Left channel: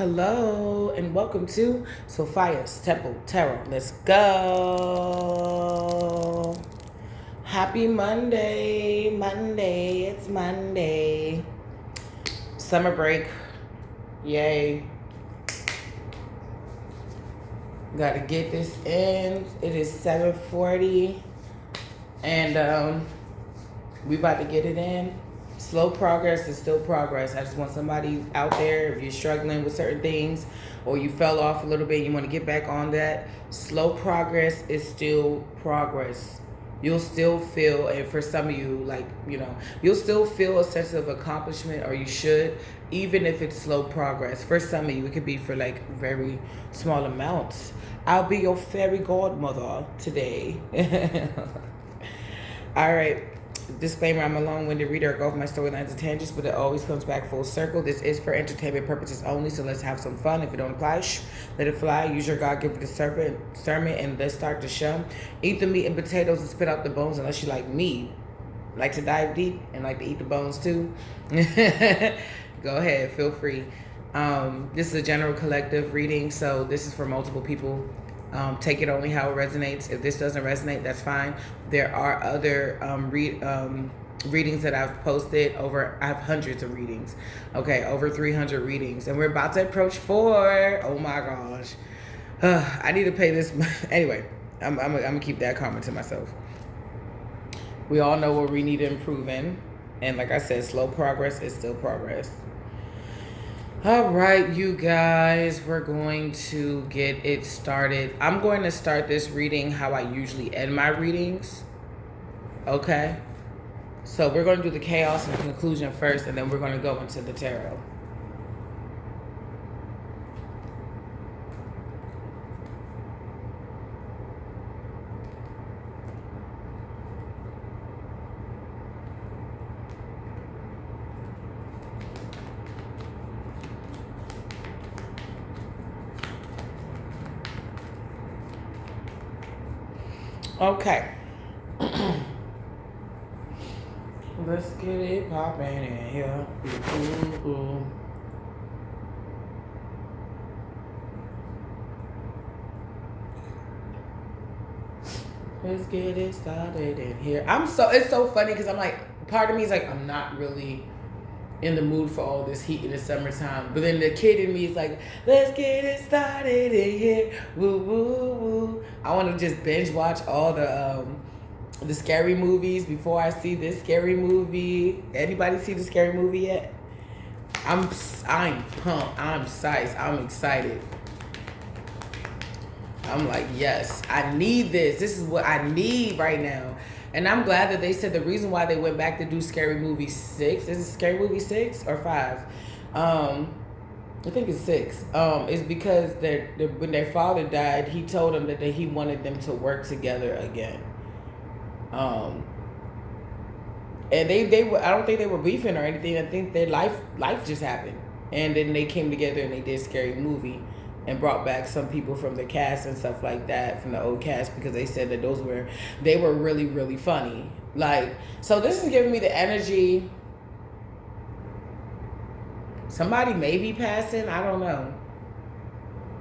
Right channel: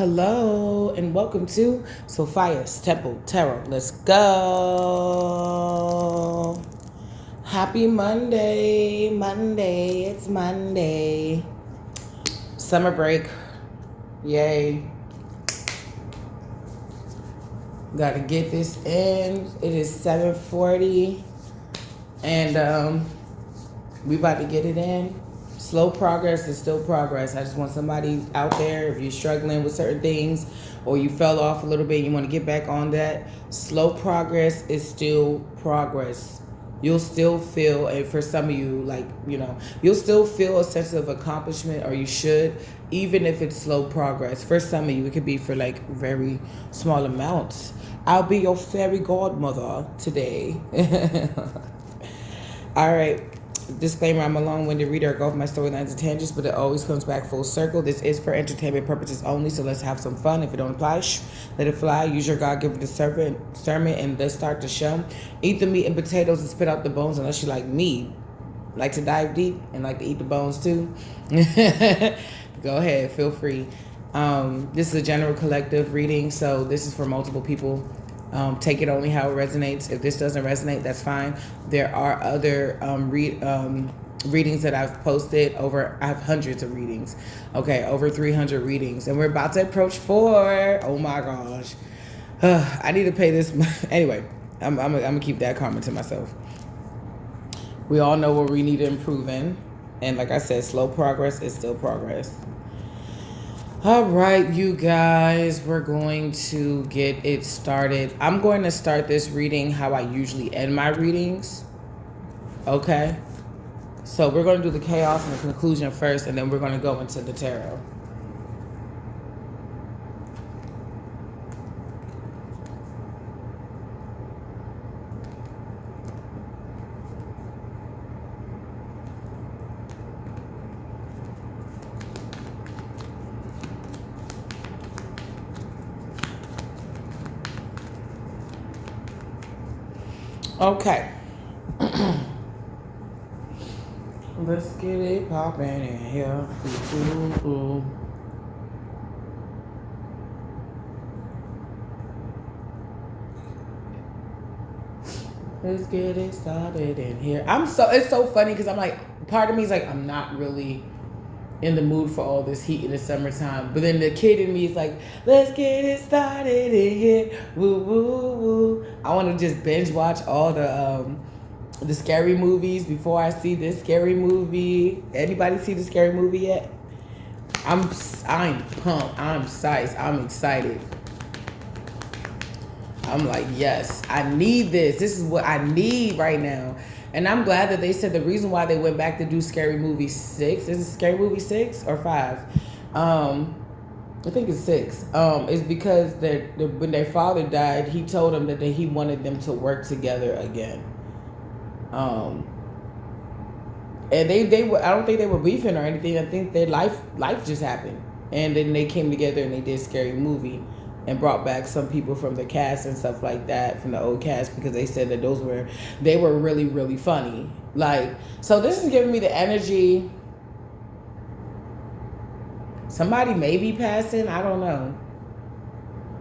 Hello and welcome to Sophia's Temple Tarot. Let's go. Happy Monday. It's Monday. Summer break. Yay. Gotta get this in. It is 7:40 and we about to get it in. Slow progress is still progress. I just want somebody out there, if you're struggling with certain things or you fell off a little bit, you want to get back on that. Slow progress is still progress. You'll still feel, and for some of you, you'll still feel a sense of accomplishment, or you should, even if it's slow progress. For some of you, it could be for very small amounts. I'll be your fairy godmother today. All right. Disclaimer, I'm a long-winded reader. I go off my storylines and tangents, but it always comes back full circle. This is for entertainment purposes only, so let's have some fun. If it don't apply, let it fly. Use your God-given discernment, and let's start the show. Eat the meat and potatoes and spit out the bones, unless you like me. Like to dive deep and like to eat the bones too. Go ahead, feel free. This is a general collective reading, so this is for multiple people. Take it only how it resonates. If this doesn't resonate, that's fine. There are other readings that I've posted over. I have hundreds of readings. Okay, over 300 readings, and we're about to approach 4. Oh my gosh, I need to pay this. Anyway, I'm gonna keep that comment to myself. We all know what we need to improve in, and like I said, slow progress is still progress. All right, you guys, we're going to get it started. I'm going to start this reading how I usually end my readings. Okay? So we're going to do the chaos and the conclusion first, and then we're going to go into the tarot. Okay. Let's get it popping in here. Ooh. Let's get it started in here. It's so funny because I'm like, part of me is like, I'm not really in the mood for all this heat in the summertime. But then the kid in me is like, let's get it started in here. Woo, woo, woo. I want to just binge watch all the scary movies before I see this scary movie. Anybody see the scary movie yet? I'm pumped. I'm psyched. I'm excited. I'm like, yes, I need this. This is what I need right now. And I'm glad that they said the reason why they went back to do Scary Movie 6, is it Scary Movie 6 or 5? I think it's 6. Is because when their father died, he told them that he wanted them to work together again. And they were, I don't think they were beefing or anything. I think their life just happened. And then they came together and they did Scary Movie and brought back some people from the cast and stuff like that, from the old cast, because they said that they were really, really funny. So this is giving me the energy. Somebody may be passing, I don't know.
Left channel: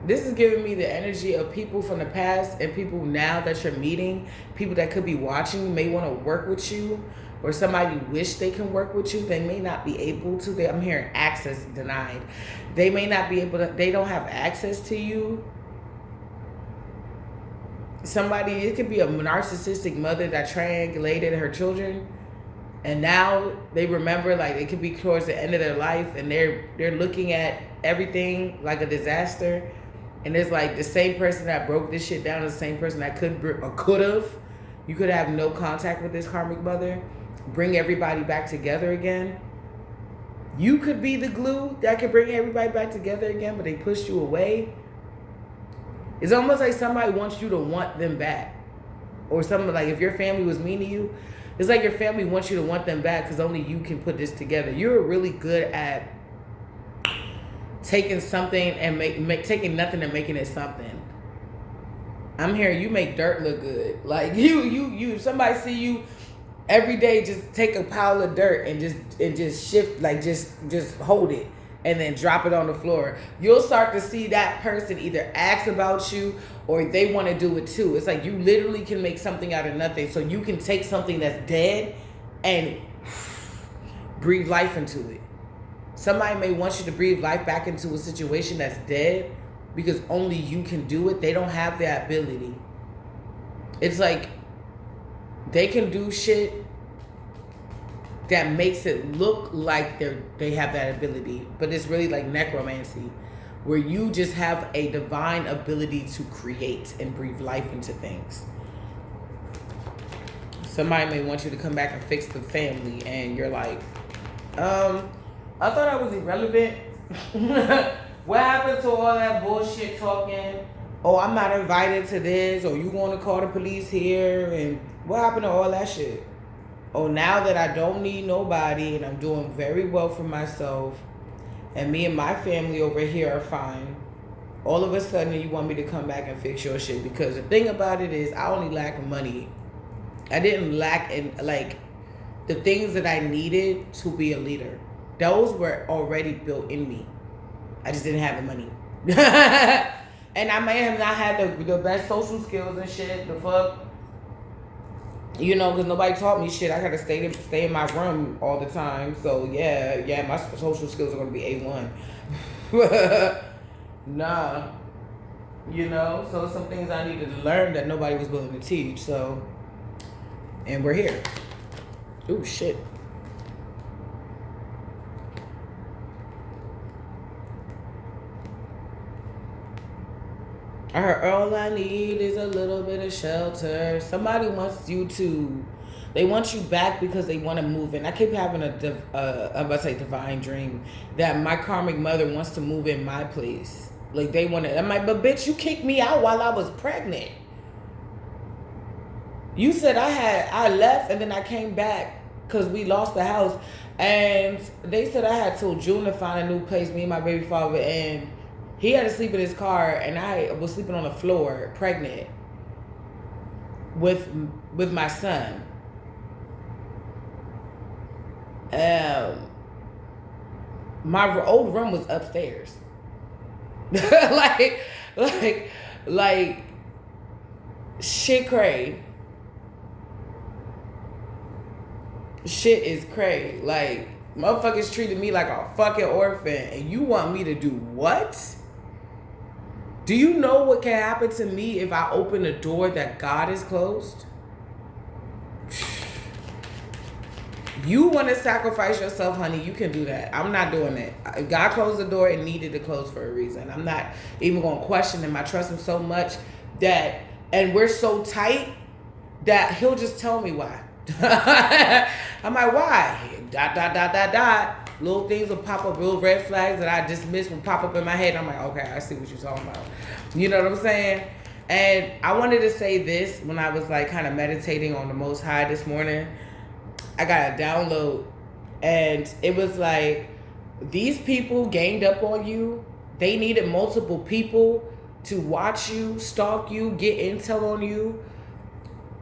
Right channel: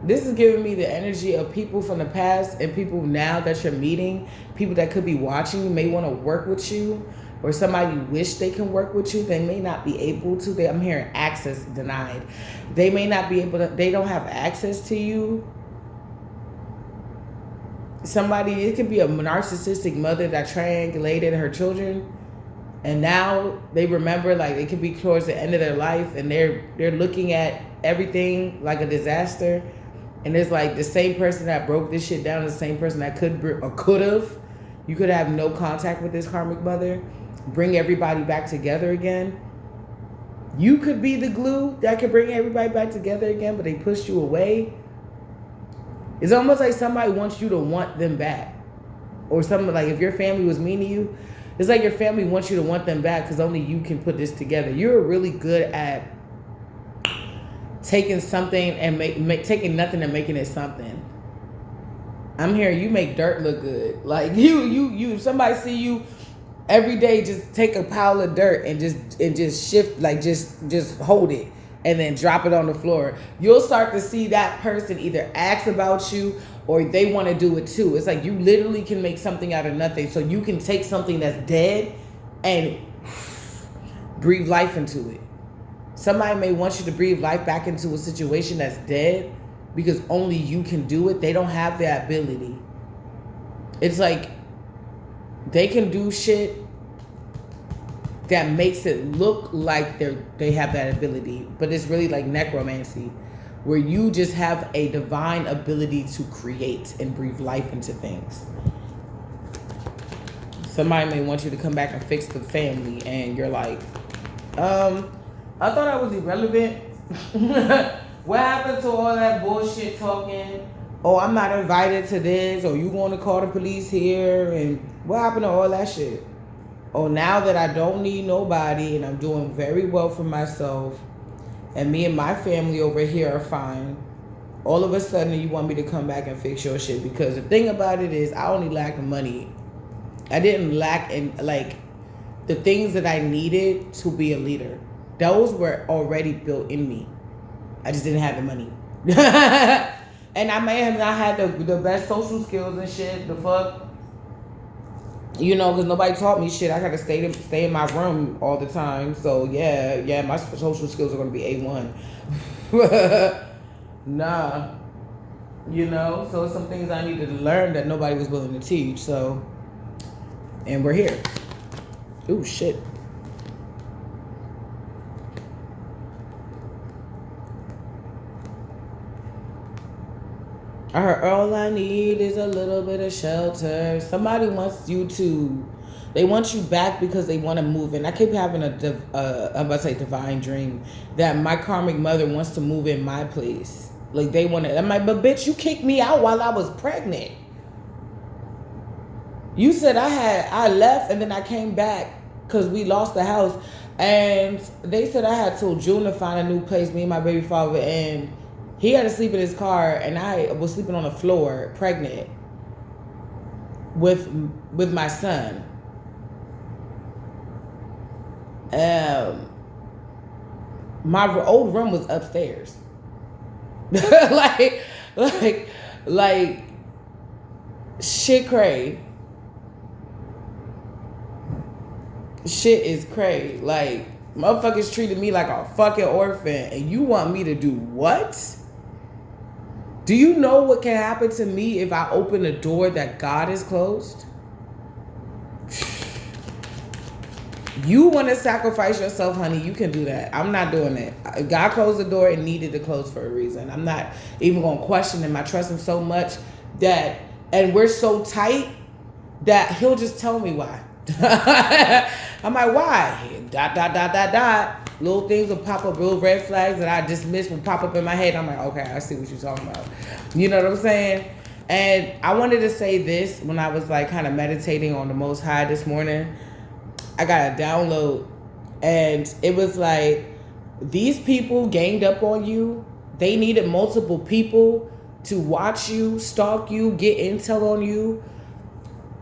This is giving me the energy of people from the past and people now that you're meeting, people that could be watching you, may want to work with you, or somebody wish they can work with you, they may not be able to. I'm hearing access denied. They may not be able to, they don't have access to you. It could be a narcissistic mother that triangulated her children, and now they remember, it could be towards the end of their life, and they're looking at everything like a disaster, and it's like the same person that broke this shit down is the same person that could have. You could have no contact with this karmic mother, bring everybody back together again. You could be the glue that could bring everybody back together again, but they pushed you away. It's almost like somebody wants you to want them back. Or something like, if your family was mean to you, it's like your family wants you to want them back because only you can put this together. You're really good at taking something and taking nothing and making it something. I'm hearing you make dirt look good. Like somebody see you every day, just take a pile of dirt and just shift, just hold it and then drop it on the floor. You'll start to see that person either ask about you or they want to do it too. It's like you literally can make something out of nothing. So you can take something that's dead and breathe life into it. Somebody may want you to breathe life back into a situation that's dead because only you can do it. They don't have that ability. It's like they can do shit that makes it look like they have that ability, but it's really like necromancy, where you just have a divine ability to create and breathe life into things. Somebody may want you to come back and fix the family, and you're like, I thought I was irrelevant. What happened to all that bullshit talking? Oh, I'm not invited to this, or you want to call the police here, and what happened to all that shit? Oh, now that I don't need nobody and I'm doing very well for myself and me and my family over here are fine, all of a sudden you want me to come back and fix your shit. Because the thing about it is I only lack money. I didn't lack in like the things that I needed to be a leader. Those were already built in me. I just didn't have the money. And I may have not had the best social skills and shit. The fuck? You know, because nobody taught me shit. I got to stay in my room all the time. So, yeah, my social skills are going to be A1. Nah. You know? So, some things I needed to learn that nobody was willing to teach. So, and we're here. Ooh, shit. I heard all I need is a little bit of shelter. Somebody wants you to, they want you back because they want to move in. I keep having I'm about to say divine dream that my karmic mother wants to move in my place. Like they want to, I'm like, but bitch, you kicked me out while I was pregnant. You said I left and then I came back because we lost the house. And they said I had till June to find a new place, me and my baby father, and he had to sleep in his car, and I was sleeping on the floor, pregnant, with my son. My old room was upstairs. like shit cray. Shit is cray. Like motherfuckers treated me like a fucking orphan, and you want me to do what? Do you know what can happen to me if I open a door that God has closed? You want to sacrifice yourself, honey, you can do that. I'm not doing it. If God closed the door, it needed to close for a reason. I'm not even going to question him. I trust him so much that, and we're so tight that he'll just tell me why. I'm like, why? Dot. Little things will pop up, little red flags that I dismiss will pop up in my head. I'm like, okay, I see what you're talking about. You know what I'm saying? And I wanted to say this when I was like kind of meditating on the Most High this morning. I got a download and it was like, these people ganged up on you. They needed multiple people to watch you, stalk you, get intel on you,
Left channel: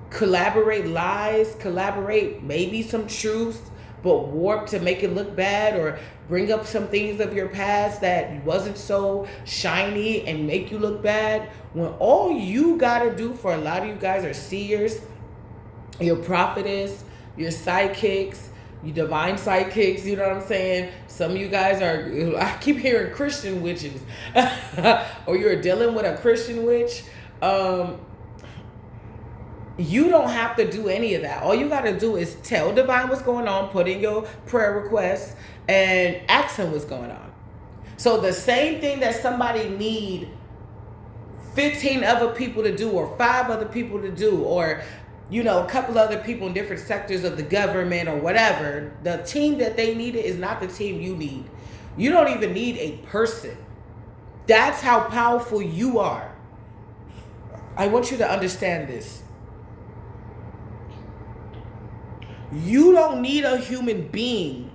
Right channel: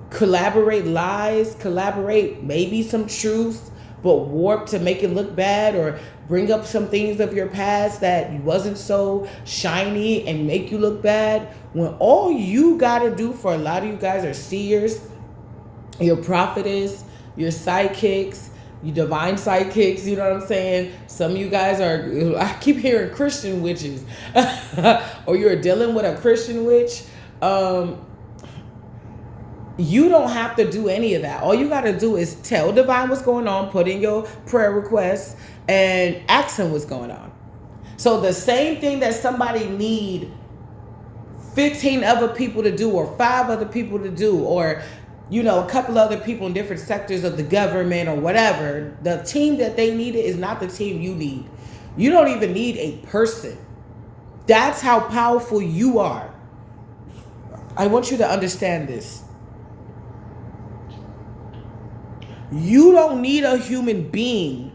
collaborate lies, collaborate maybe some truth, but warp to make it look bad or bring up some things of your past that wasn't so shiny and make you look bad. When all you got to do for a lot of you guys are seers, your prophetess, your sidekicks, your divine sidekicks, you know what I'm saying? Some of you guys are, I keep hearing Christian witches, or you're dealing with a Christian witch. You don't have to do any of that. All you got to do is tell Divine what's going on, put in your prayer requests, and ask him what's going on. So the same thing that somebody need 15 other people to do, or 5 other people to do, or you know, a couple other people in different sectors of the government or whatever, the team that they needed is not the team you need. You don't even need a person. That's how powerful you are. I want you to understand this. You don't need a human being.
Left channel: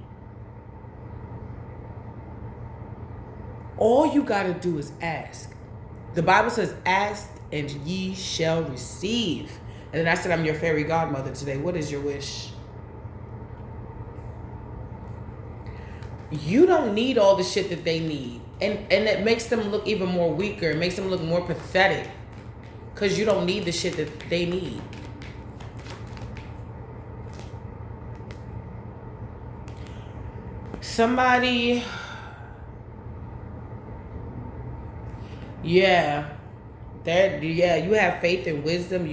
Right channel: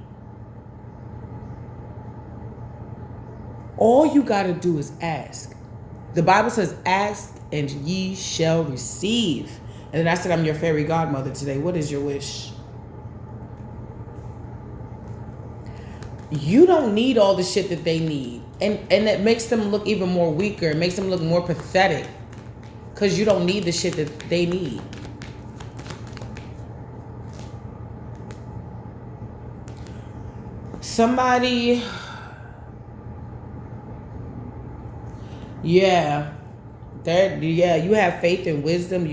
All you got to do is ask. The Bible says, ask and ye shall receive. And then I said, I'm your fairy godmother today. What is your wish? you don't need all the shit that they need. And it makes them look even more weaker. It makes them look more pathetic. Because you don't need the shit that they need. Somebody, yeah, you have faith and wisdom.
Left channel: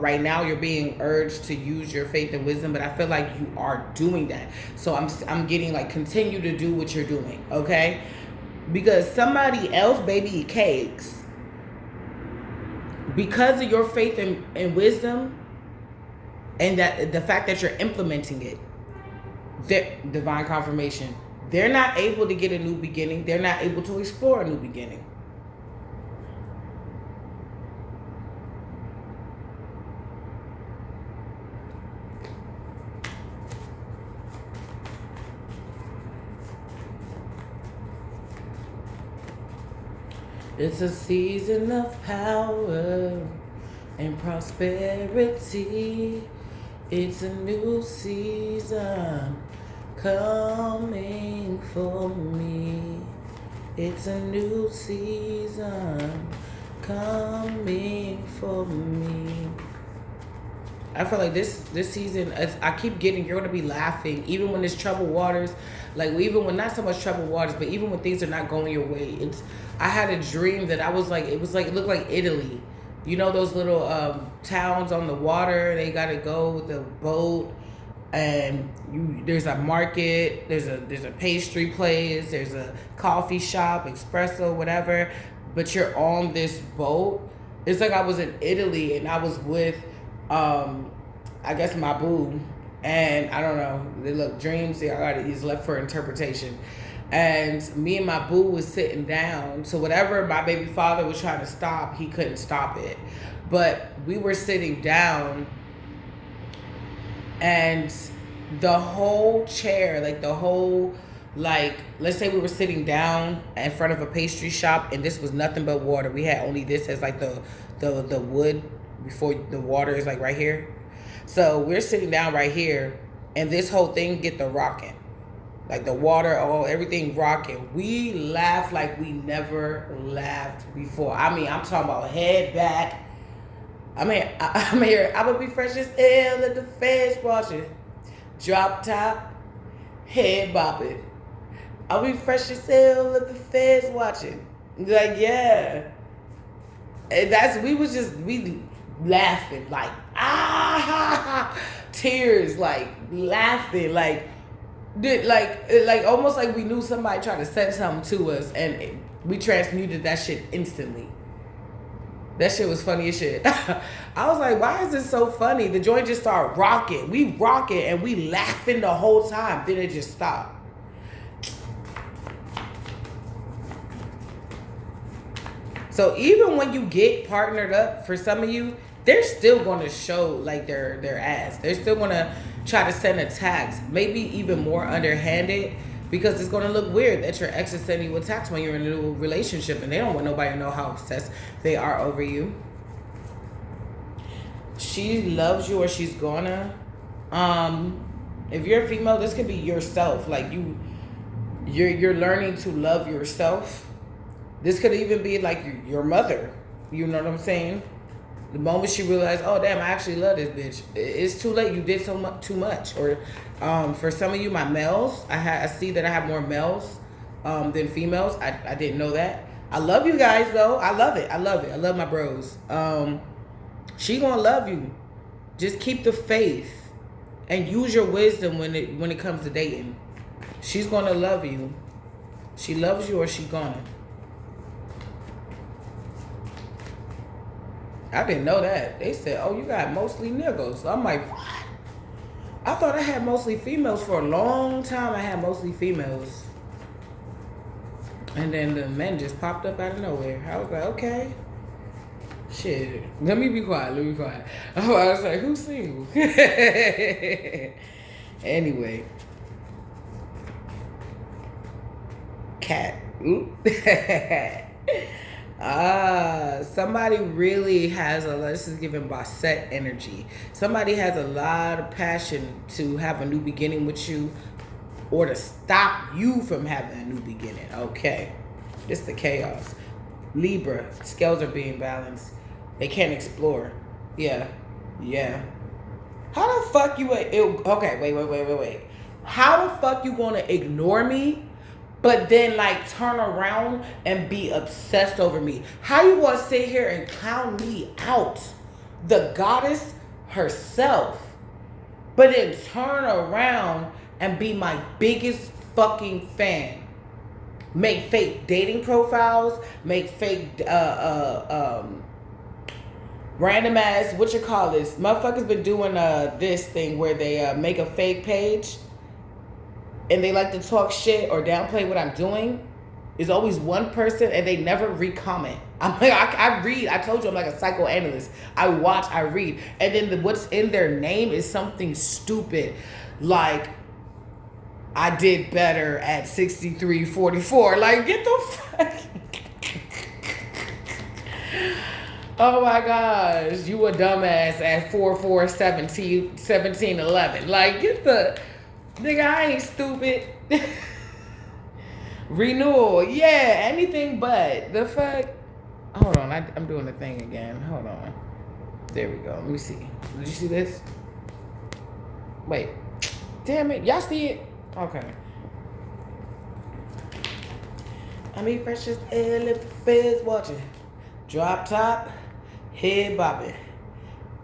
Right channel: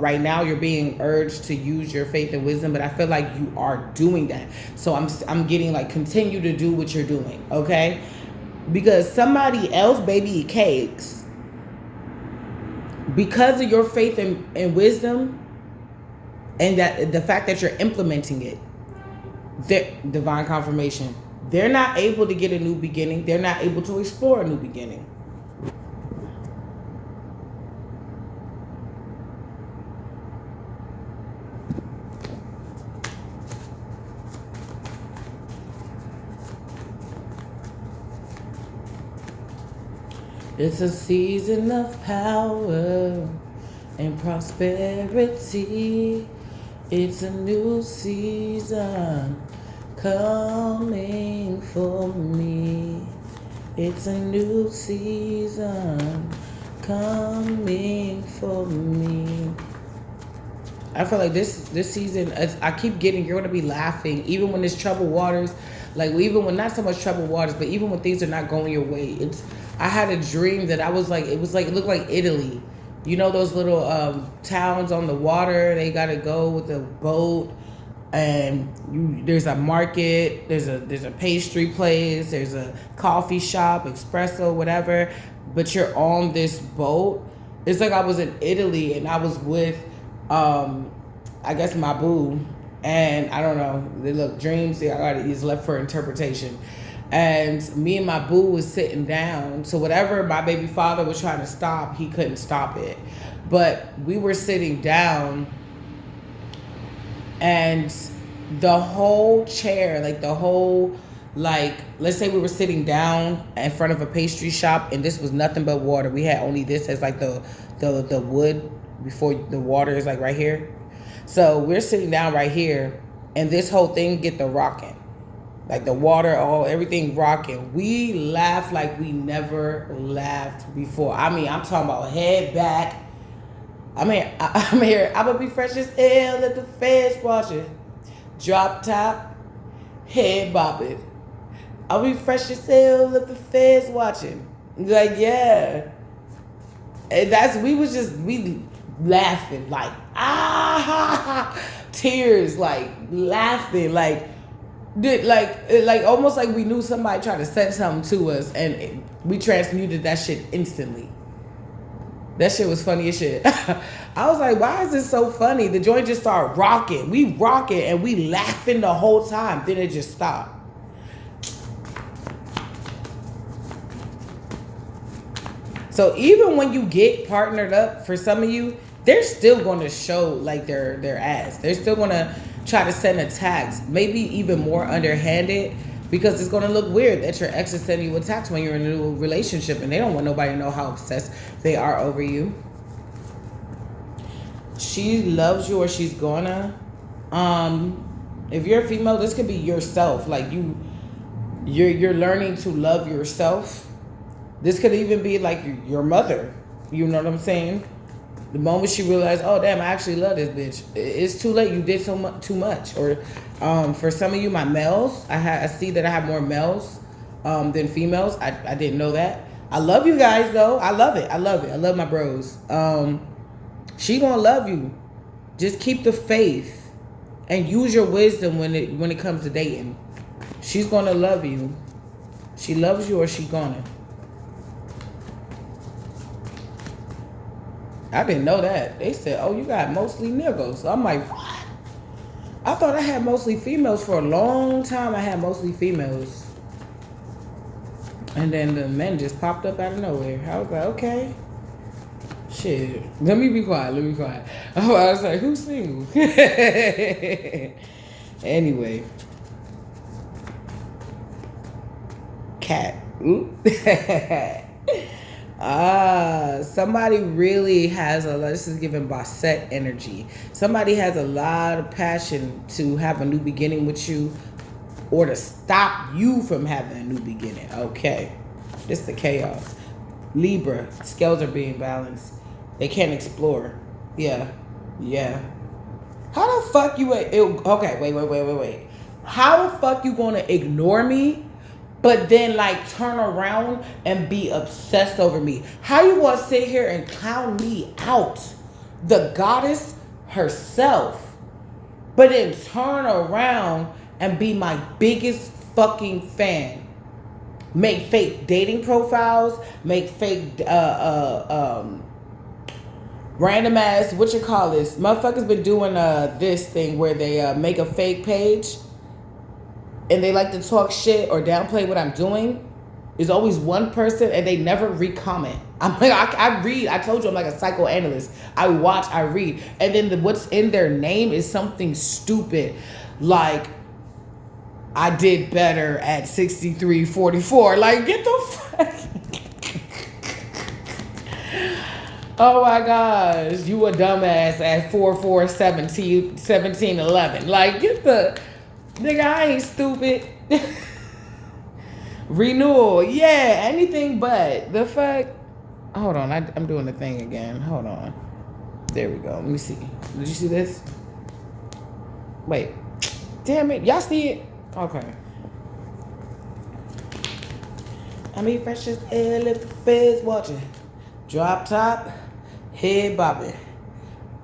Right now you're being urged to use your faith and wisdom, but I feel like you are doing that. So I'm getting like, continue to do what you're doing, okay? Because somebody else, baby, eat cakes. Because of your faith and wisdom, and that the fact that you're implementing it, divine confirmation, they're not able to get a new beginning. They're not able to explore a new beginning. It's a season of power and prosperity. It's a new season coming for me. It's a new season coming for me. I feel like this season, I keep getting, you're going to be laughing, even when there's troubled waters. Like, even when, not so much troubled waters, but even when things are not going your way. I had a dream that it looked like Italy. You know those little towns on the water? They got to go with a boat, and there's a market, there's a pastry place, there's a coffee shop, espresso, whatever, but you're on this boat. It's like I was in Italy, and I was with, I guess, my boo, and I don't know, look, dreams, I got it, is left for interpretation. And me and my boo was sitting down. So whatever my baby father was trying to stop, he couldn't stop it. But we were sitting down, and the whole chair, let's say we were sitting down in front of a pastry shop, and this was nothing but water. We had only this as like the wood before the water is like right here. So we're sitting down right here, and this whole thing get the rocking. Like the water, everything rocking. We laughed like we never laughed before. I mean, I'm talking about head back. I'm here. I'm gonna be fresh as hell at the feds watching. Drop top, head bopping. I'll be fresh as hell at the feds watching. Like, yeah. And we laughing like, tears, like laughing, like almost like we knew somebody tried to send something to us, and we transmuted that shit instantly. That shit was funny as shit. I was like, why is this so funny? The joint just started rocking. We rocking and we laughing the whole time. Then it just stopped. So even when you get partnered up, for some of you, they're still going to show like their ass. They're still going to try to send attacks, maybe even more underhanded, because it's going to look weird that your ex is sending you attacks when you're in a new relationship, and they don't want nobody to know how obsessed they are over you. She loves you, or she's gonna. If you're a female, this could be yourself. Like you're learning to love yourself. This could even be like your mother. You know what I'm saying? The moment she realized, oh damn, I actually love this bitch. It's too late. You did too much. Or for some of you, my males, I see that I have more males than females. I didn't know that. I love you guys though. I love it. I love my bros. She gonna love you. Just keep the faith and use your wisdom when it comes to dating. She's gonna love you. She loves you, or she gonna. I didn't know that. They said, oh, you got mostly niggas. So I'm like, what? I thought I had mostly females for a long time. I had mostly females. And then the men just popped up out of nowhere. I was like, okay. Shit. Let me be quiet. I was like, who's single? Anyway. Cat. Somebody really has this is giving Bassett energy. Somebody has a lot of passion to have a new beginning with you. or to stop you from having a new beginning. Okay. This is the chaos. Libra, scales are being balanced. They can't explore. Yeah. Yeah. How the fuck you... Okay, wait. How the fuck you gonna ignore me, but then like turn around and be obsessed over me? How you gonna sit here and clown me out, the goddess herself, but then turn around and be my biggest fucking fan? Make fake dating profiles, make fake random ass, what you call this? Motherfuckers been doing this thing where they make a fake page and they like to talk shit or downplay what I'm doing. There's always one person and they never re-comment. I'm like, I read. I told you I'm like a psychoanalyst. I watch, I read. And then what's in their name is something stupid. Like, I did better at 63:44. Like, get the fuck. Oh my gosh, you a dumbass at 44:17:11. Like, get the nigga, I ain't stupid. Renewal, yeah, anything but the fuck. Hold on, I'm doing the thing again. Hold on. There we go. Let me see. Did you see this? Wait. Damn it. Y'all see it? Okay. I mean, precious air, let the feds watching. Drop top, head bobbing.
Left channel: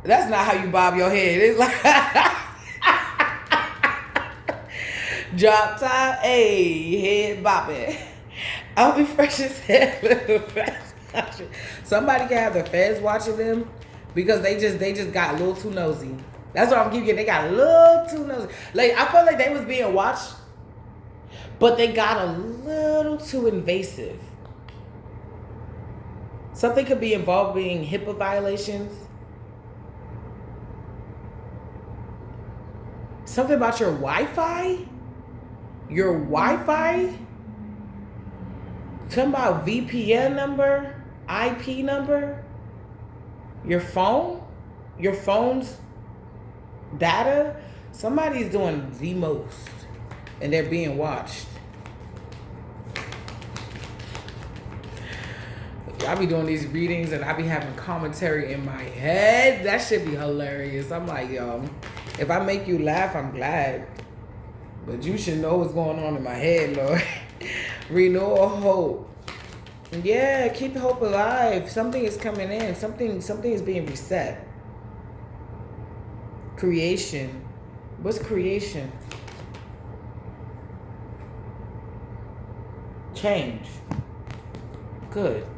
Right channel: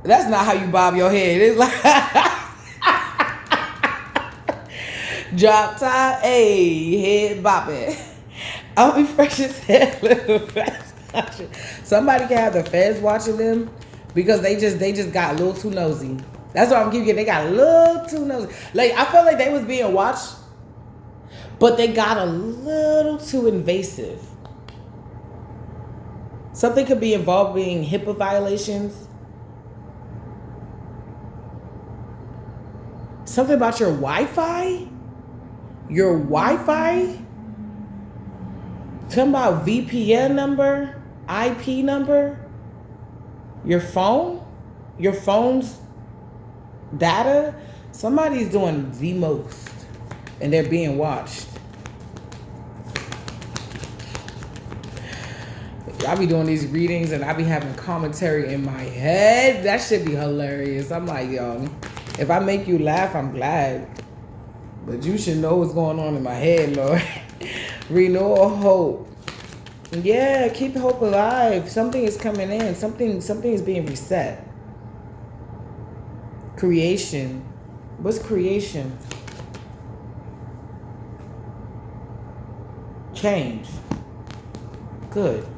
That's not how you bob your head. It's like drop top, head bobbing. I'll be fresh as hell, let the feds watching. Somebody can have the feds watching them because they just got a little too nosy. That's what I'm giving you. They got a little too nosy. Like, I felt like they was being watched, but they got a little too invasive. Something could be involving HIPAA violations. Something about your Wi-Fi? Your Wi-Fi? Something about VPN number? IP number? Your phone? Your phone's data? Somebody's doing the most and they're being watched. I be doing these readings and I be having commentary in my head. That should be hilarious. I'm like, yo, if I make you laugh, I'm glad. But you should know what's going on in my head, Lord. Renewal hope. Yeah, keep hope alive. Something is coming in. Something is being reset. Creation. What's creation? Change. Good.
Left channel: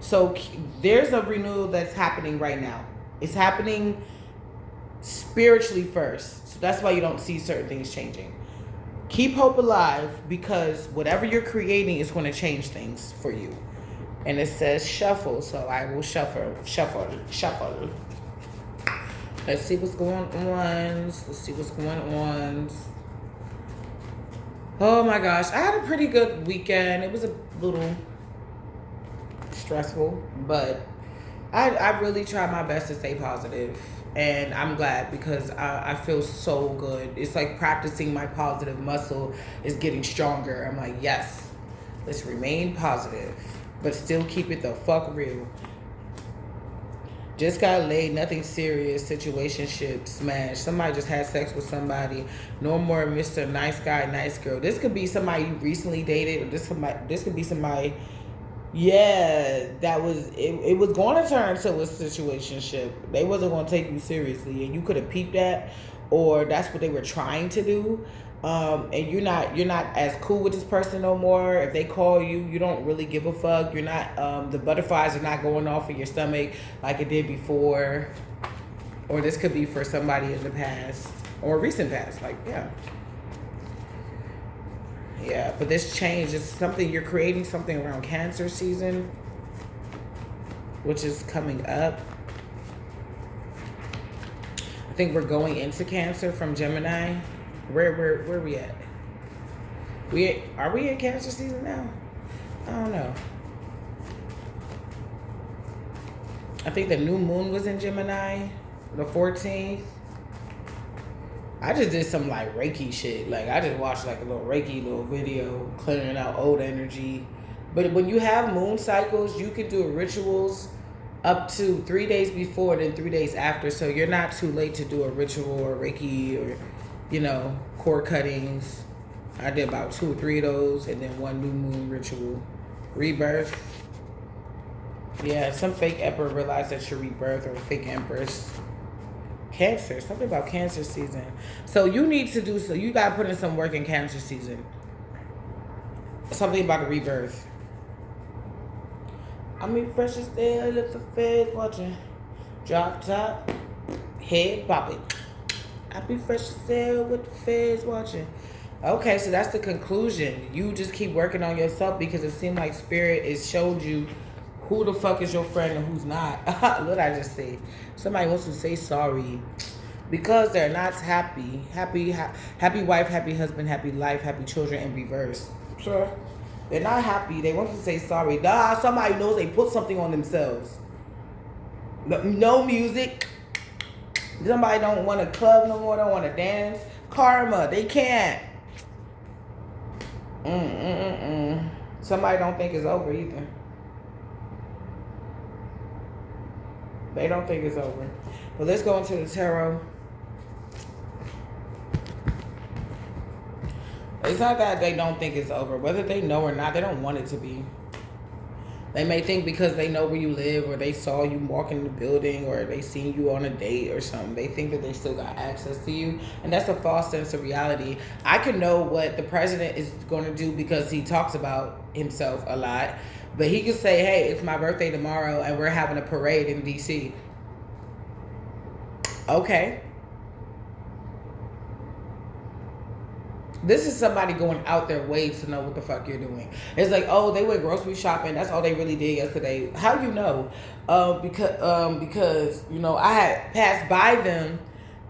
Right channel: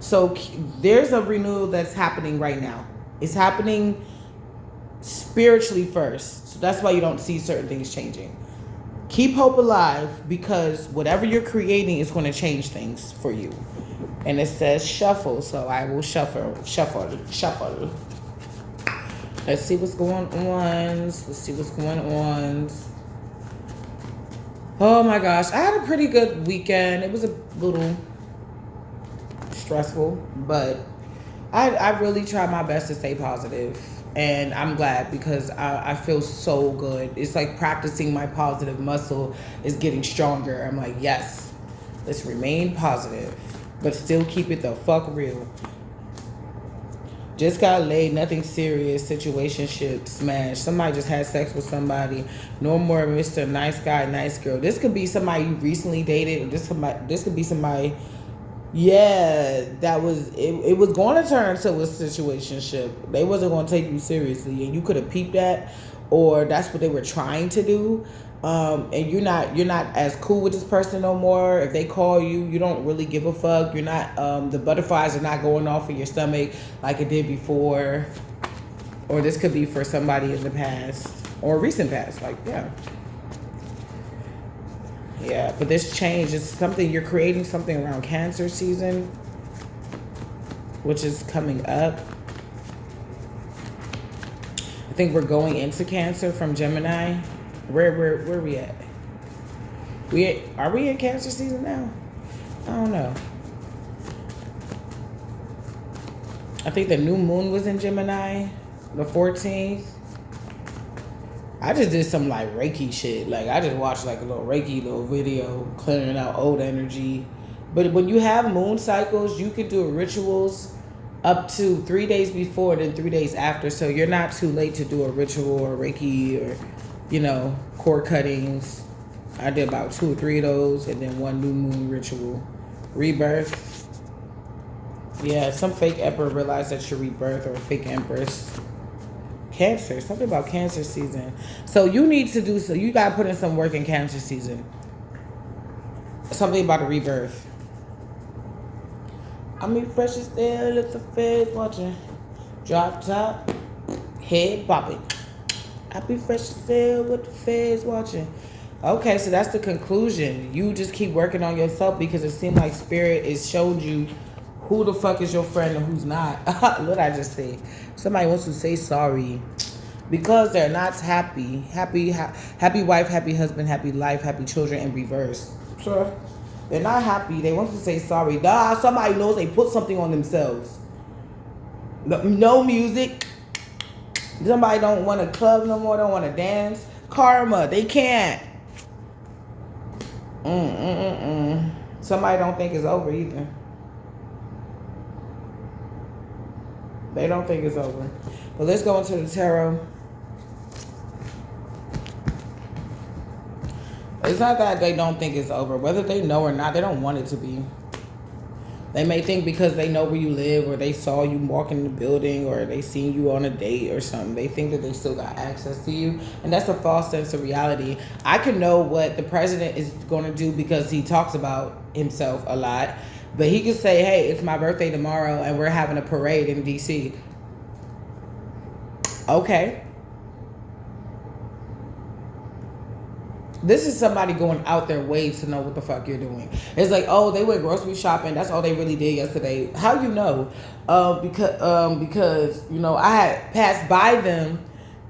So there's a renewal that's happening right now. It's happening spiritually first. So that's why you don't see certain things changing. Keep hope alive because whatever you're creating is going to change things for you. And it says shuffle. So I will shuffle. Let's see what's going on. Oh my gosh. I had a pretty good weekend. It was a little stressful, but I really try my best to stay positive, and I'm glad because I feel so good. It's like practicing my positive muscle is getting stronger. I'm like, yes, let's remain positive, but still keep it the fuck real. Just got laid, nothing serious, situationship smash. Somebody just had sex with somebody. No more Mr. Nice Guy, Nice Girl. This could be somebody you recently dated, or this could be somebody. Yeah, that was it was going to turn to a situationship. They wasn't going to take you seriously, and you could have peeped that, or that's what they were trying to do. And you're not as cool with this person no more. If they call you, you don't really give a fuck. You're not the butterflies are not going off in your stomach like it did before. Or this could be for somebody in the past or recent past. Like, yeah, but this change is something you're creating, something around Cancer season, which is coming up. I think we're going into Cancer from Gemini. Where we at? Are we in Cancer season now? I don't know. I think the new moon was in Gemini, the 14th. I just did some like Reiki shit. Like I just watched like a little Reiki little video clearing out old energy. But when you have moon cycles, you can do rituals up to 3 days before, then 3 days after. So you're not too late to do a ritual or Reiki or, cord cuttings. I did about 2 or 3 of those, and then one new moon ritual. Rebirth. Yeah, some fake emperor realized that you're rebirth, or fake empress. Cancer, something about Cancer season. So you need to do, so you got to put in some work in Cancer season. Something about a rebirth. I mean, fresh as there, let the feds watching. Drop top, head bopping. I be fresh as there with the feds watching. Okay, so that's the conclusion. You just keep working on yourself, because it seems like Spirit is showing you who the fuck is your friend and who's not. What I just said. Somebody wants to say sorry because they're not happy. Happy wife, happy husband, happy life, happy children in reverse. Sure. They're not happy. They want to say sorry. Nah, somebody knows they put something on themselves. No music. Somebody don't want to club no more, don't want to dance. Karma, they can't. Somebody don't think it's over either. They don't think it's over. But let's go into the tarot. It's not that they don't think it's over. Whether they know or not, they don't want it to be. They may think because they know where you live, or they saw you walk in the building, or they seen you on a date or something. They think that they still got access to you. And that's a false sense of reality. I can know what the president is going to do because he talks about himself a lot. But he could say, hey, it's my birthday tomorrow and we're having a parade in D.C. Okay. This is somebody going out their way to know what the fuck you're doing. It's like, oh, they went grocery shopping. That's all they really did yesterday. How you know? Because I had passed by them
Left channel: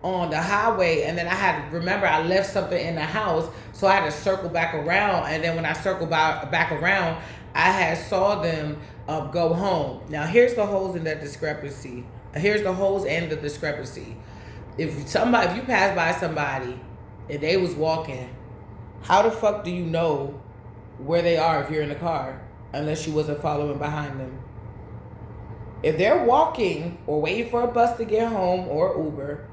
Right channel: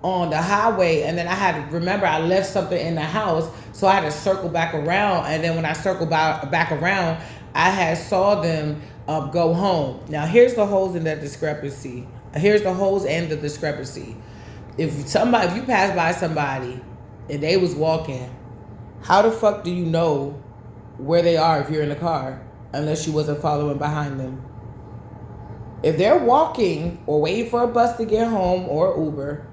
on the highway, and then I left something in the house, so I had to circle back around. And then when I circled back around, I had saw them go home. Now here's the holes in that discrepancy. Here's the holes and the discrepancy. If you pass by somebody and they was walking, how the fuck do you know where they are if you're in the car, unless you wasn't following behind them? If they're walking or waiting for a bus to get home or Uber,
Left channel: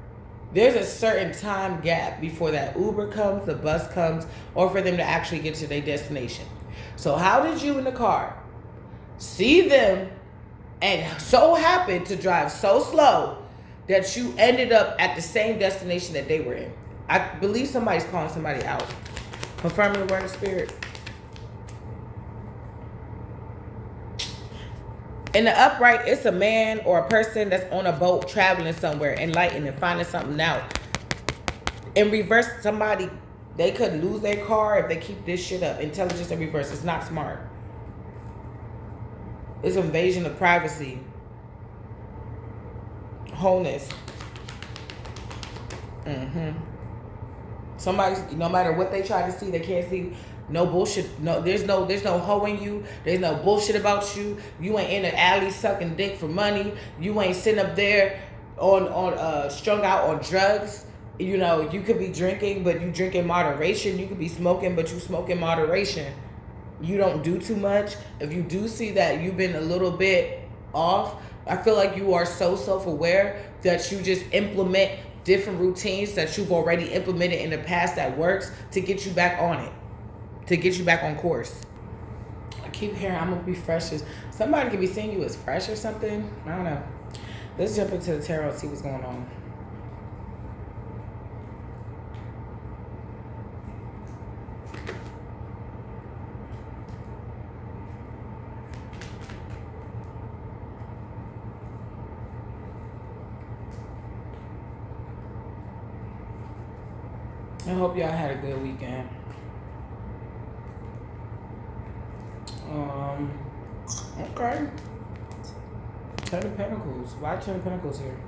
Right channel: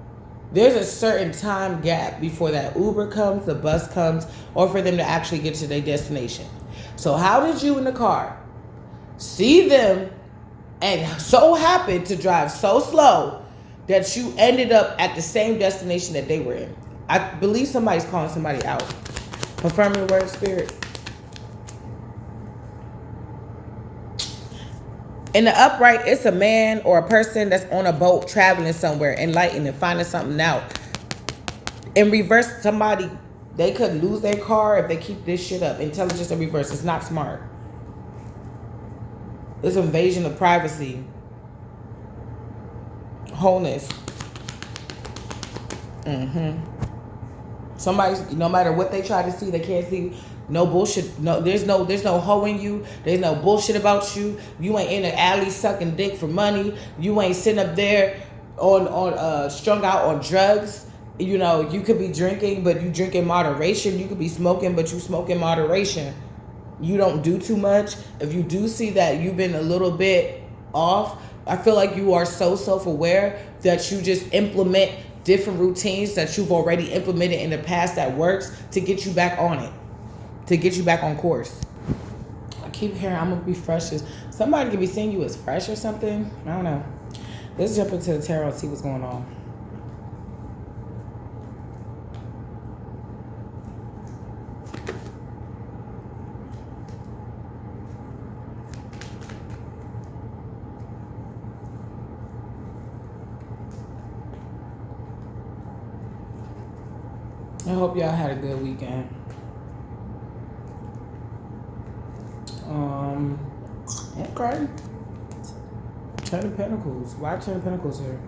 there's a certain time gap before that Uber comes, the bus comes, or for them to actually get to their destination. So how did you in the car see them and so happen to drive so slow that you ended up at the same destination that they were in? I believe somebody's calling somebody out. Confirm your word, Spirit. In the upright, it's a man or a person that's on a boat traveling somewhere, enlightening, finding something out. In reverse, somebody, they could lose their car if they keep this shit up. Intelligence in reverse. It's not smart. It's invasion of privacy. Wholeness. Somebody, no matter what they try to see, they can't see. No bullshit. No, there's no hoeing you. There's no bullshit about you. You ain't in the alley sucking dick for money. You ain't sitting up there on strung out on drugs. You could be drinking, but you drink in moderation. You could be smoking, but you smoke in moderation. You don't do too much. If you do see that you've been a little bit off, I feel like you are so self-aware that you just implement different routines that you've already implemented in the past that works to get you back on it, to get you back on course. I keep hearing I'm gonna be fresh. Somebody could be seeing you as fresh or something. I don't know. Let's jump into the tarot and see what's going on. I hope y'all had a good weekend. Okay. Ten of Pentacles. Why Ten of Pentacles here?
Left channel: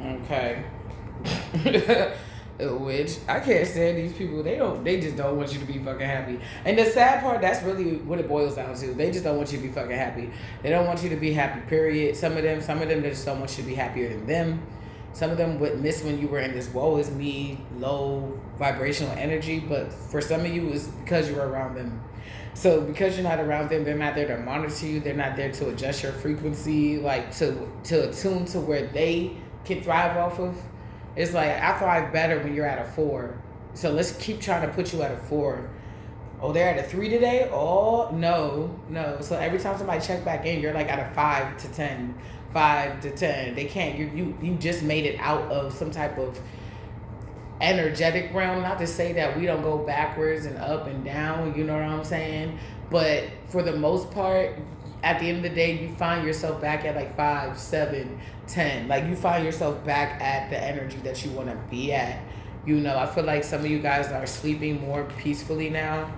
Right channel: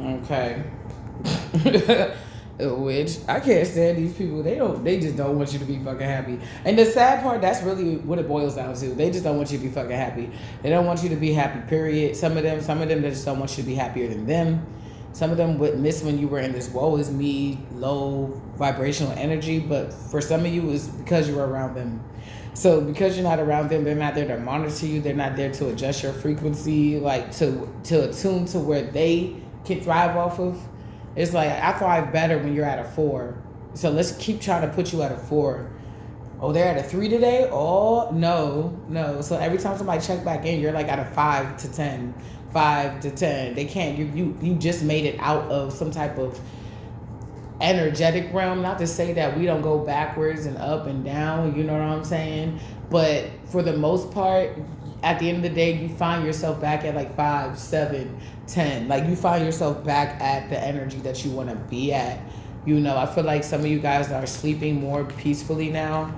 Okay. Which I can't stand these people. They just don't want you to be fucking happy. And the sad part, that's really what it boils down to. They just don't want you to be fucking happy. They don't want you to be happy, period. Some of them they just don't want you to be happier than them. Some of them would miss when you were in this woe is me, low vibrational energy. But for some of you, it's because you were around them. So because you're not around them, they're not there to monitor you. They're not there to adjust your frequency, like to attune to where they can thrive off of. It's like, I thrive better when you're at a 4. So let's keep trying to put you at a 4. Oh, they're at a 3 today? Oh, no. So every time somebody check back in, you're like at a 5 to 10. 5 to 10. They can't, you just made it out of some type of energetic realm. Not to say that we don't go backwards and up and down, you know what I'm saying? But for the most part, at the end of the day, you find yourself back at like 5, 7, 10. Like, you find yourself back at the energy that you want to be at. You know, I feel like some of you guys are sleeping more peacefully now.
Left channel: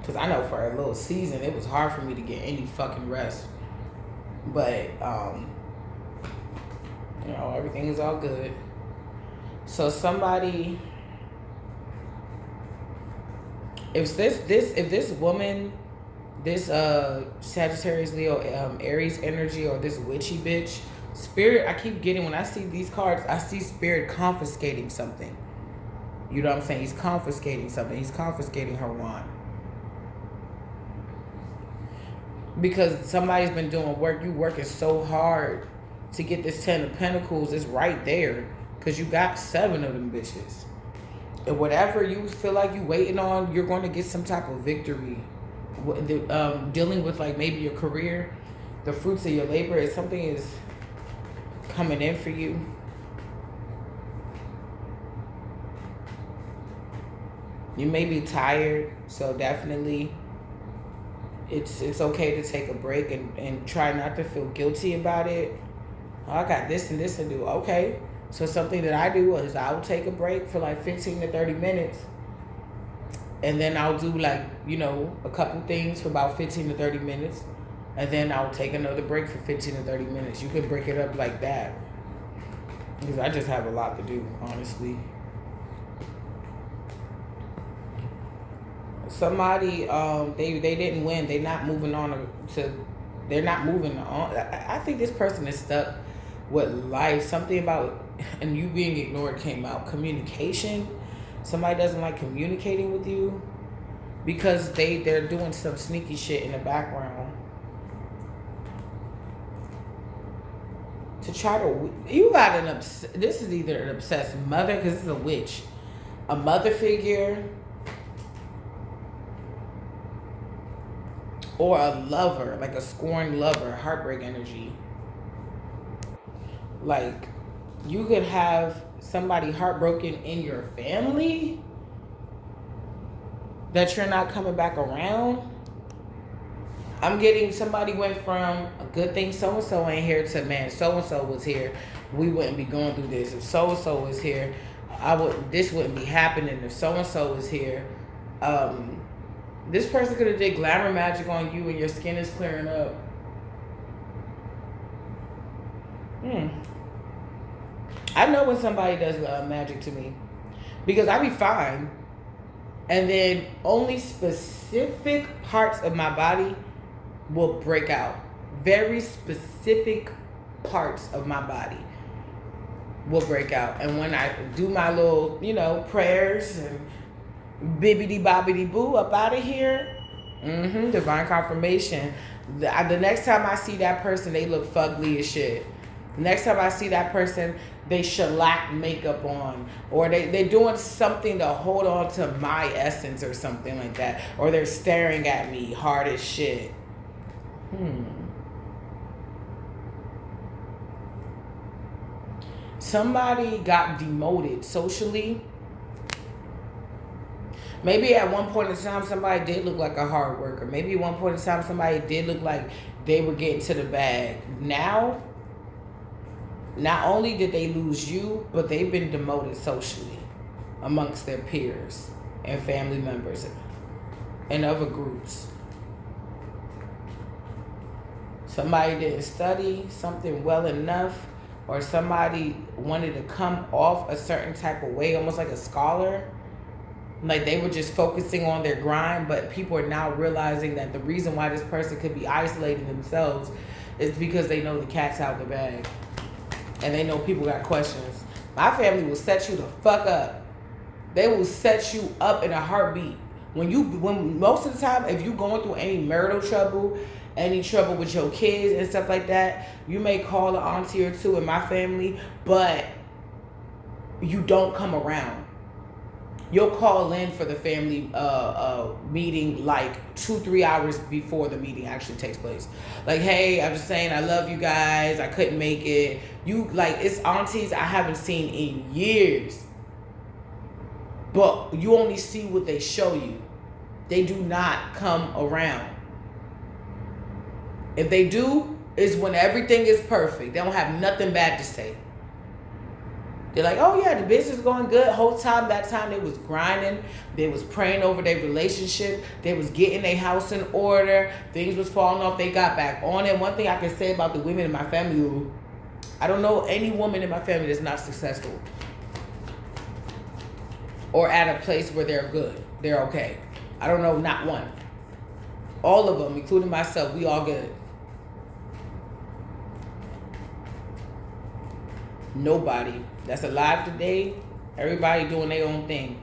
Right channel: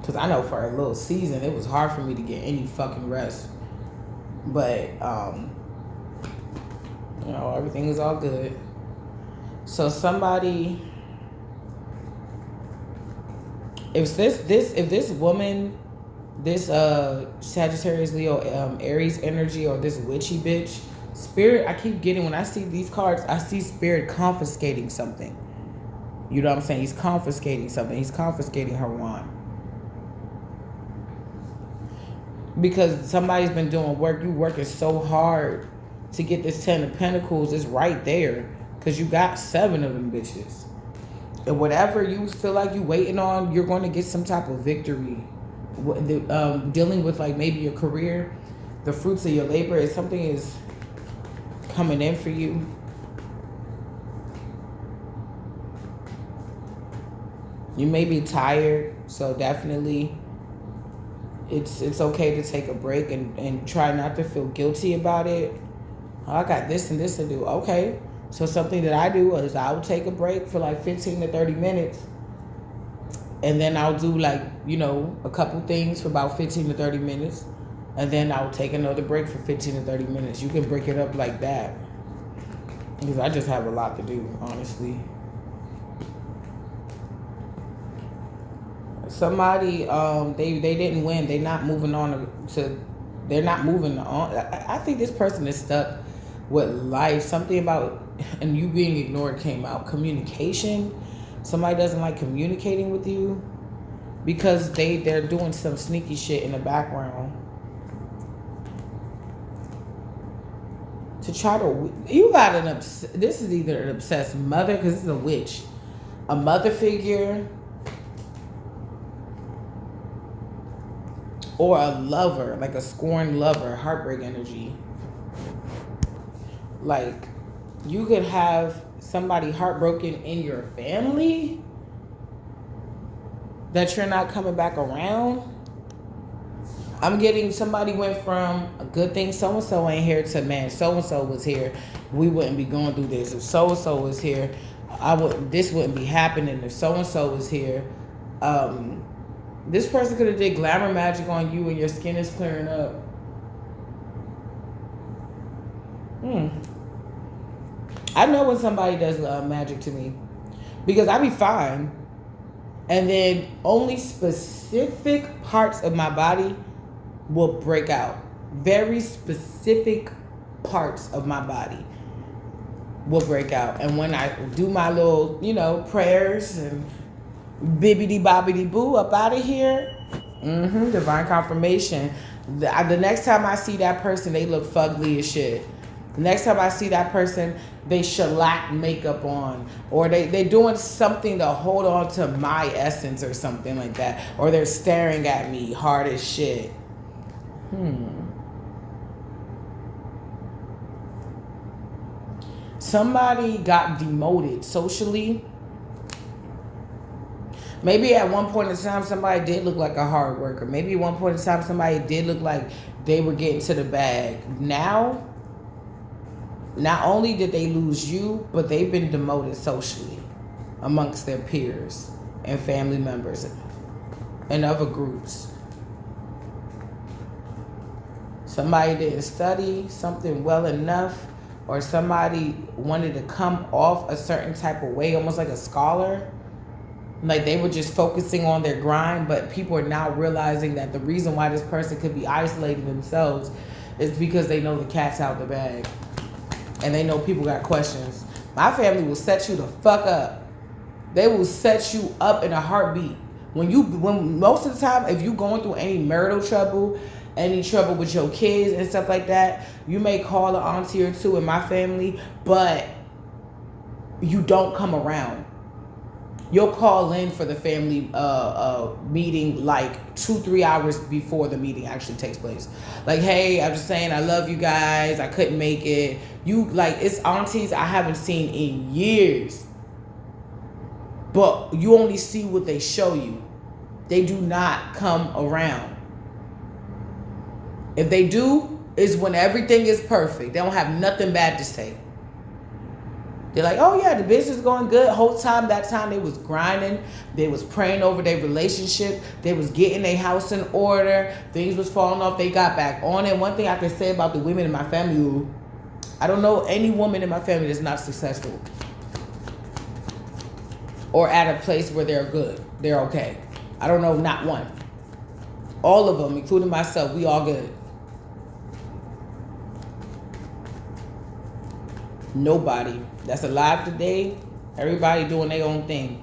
Because I know for a little season, it was hard for me to get any fucking rest. But, you know, everything is all good. So somebody, if this woman, this Sagittarius, Leo, Aries energy, or this witchy bitch, Spirit, I keep getting, when I see these cards, I see Spirit confiscating something. You know what I'm saying? He's confiscating something. He's confiscating her wand. Because somebody's been doing work. You working so hard to get this 10 of Pentacles. It's right there. Because you got 7 of them bitches. And whatever you feel like you waiting on, you're going to get some type of victory. Dealing with like maybe your career, the fruits of your labor, is something is coming in for you. You may be tired, so definitely it's okay to take a break and try not to feel guilty about it. Oh, I got this and this to do. Okay. So something that I do is I'll take a break for like 15 to 30 minutes. And then I'll do like, you know, a couple things for about 15 to 30 minutes. And then I'll take another break for 15 to 30 minutes. You can break it up like that. Because I just have a lot to do, honestly. Somebody, they didn't win. They're not moving on they're not moving on. I think this person is stuck with life. Something about, and you being ignored came out. Communication. Somebody doesn't like communicating with you because they're doing some sneaky shit in the background to try to, you got this is either an obsessed mother, because this is a witch, a mother figure, or a lover, like a scorned lover, heartbreak energy. Like, you could have somebody heartbroken in your family that you're not coming back around. I'm getting, somebody went from a good thing, so-and-so ain't here, to, man, so-and-so was here, we wouldn't be going through this. If so-and-so was here, this wouldn't be happening. If so-and-so was here, this person could have did glamour magic on you and your skin is clearing up. I know when somebody does magic to me, because I be fine, and then only specific parts of my body will break out. Very specific parts of my body will break out. And when I do my little, you know, prayers and bibbidi bobbidi boo up out of here, divine confirmation. The next time I see that person, they look fugly as shit. Next time I see that person, they shellac makeup on, or they're doing something to hold on to my essence or something like that, or they're staring at me hard as shit. Somebody got demoted socially. Maybe at one point in time, somebody did look like a hard worker. Maybe at one point in time, somebody did look like they were getting to the bag. Now, not only did they lose you, but they've been demoted socially amongst their peers and family members and other groups. Somebody didn't study something well enough, or somebody wanted to come off a certain type of way, almost like a scholar. Like they were just focusing on their grind, but people are now realizing that the reason why this person could be isolating themselves is because they know the cat's out of the bag. And they know people got questions. My family will set you the fuck up. They will set you up in a heartbeat. When most of the time, if you're going through any marital trouble, any trouble with your kids and stuff like that, you may call an auntie or two in my family, but you don't come around. You'll call in for the family meeting like 2-3 hours before the meeting actually takes place. Like, hey, I'm just saying I love you guys. I couldn't make it. It's aunties I haven't seen in years. But you only see what they show you. They do not come around. If they do, it's when everything is perfect. They don't have nothing bad to say. They're like, oh yeah, the business is going good. Whole time, that time they was grinding. They was praying over their relationship. They was getting their house in order. Things was falling off. They got back on it. One thing I can say about the women in my family, I don't know any woman in my family that's not successful or at a place where they're good. They're okay. I don't know, not one. All of them, including myself, we all good. Nobody that's alive today, everybody doing their own thing.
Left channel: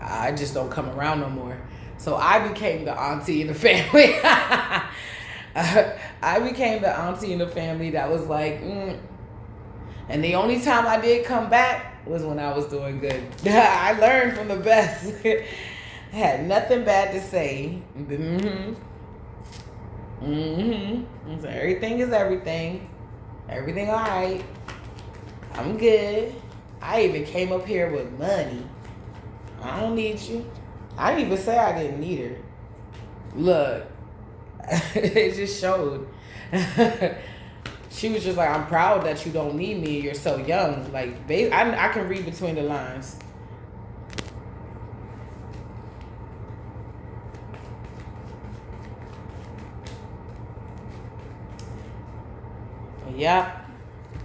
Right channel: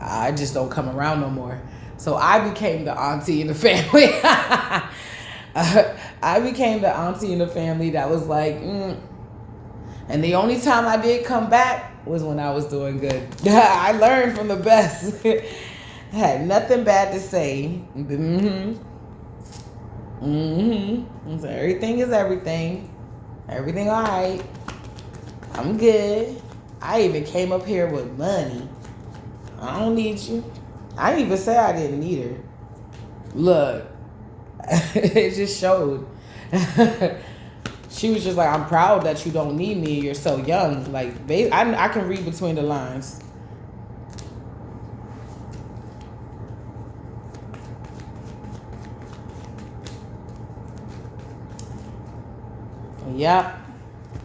I just don't come around no more. So I became the auntie in the family. I became the auntie in the family that was like, And the only time I did come back was when I was doing good. I learned from the best. I had nothing bad to say. So everything is everything. Everything all right. I'm good. I even came up here with money. I don't need you. I didn't even say I didn't need her. Look, it just showed. She was just like, I'm proud that you don't need me. You're so young. Like, I can read between the lines. Yeah,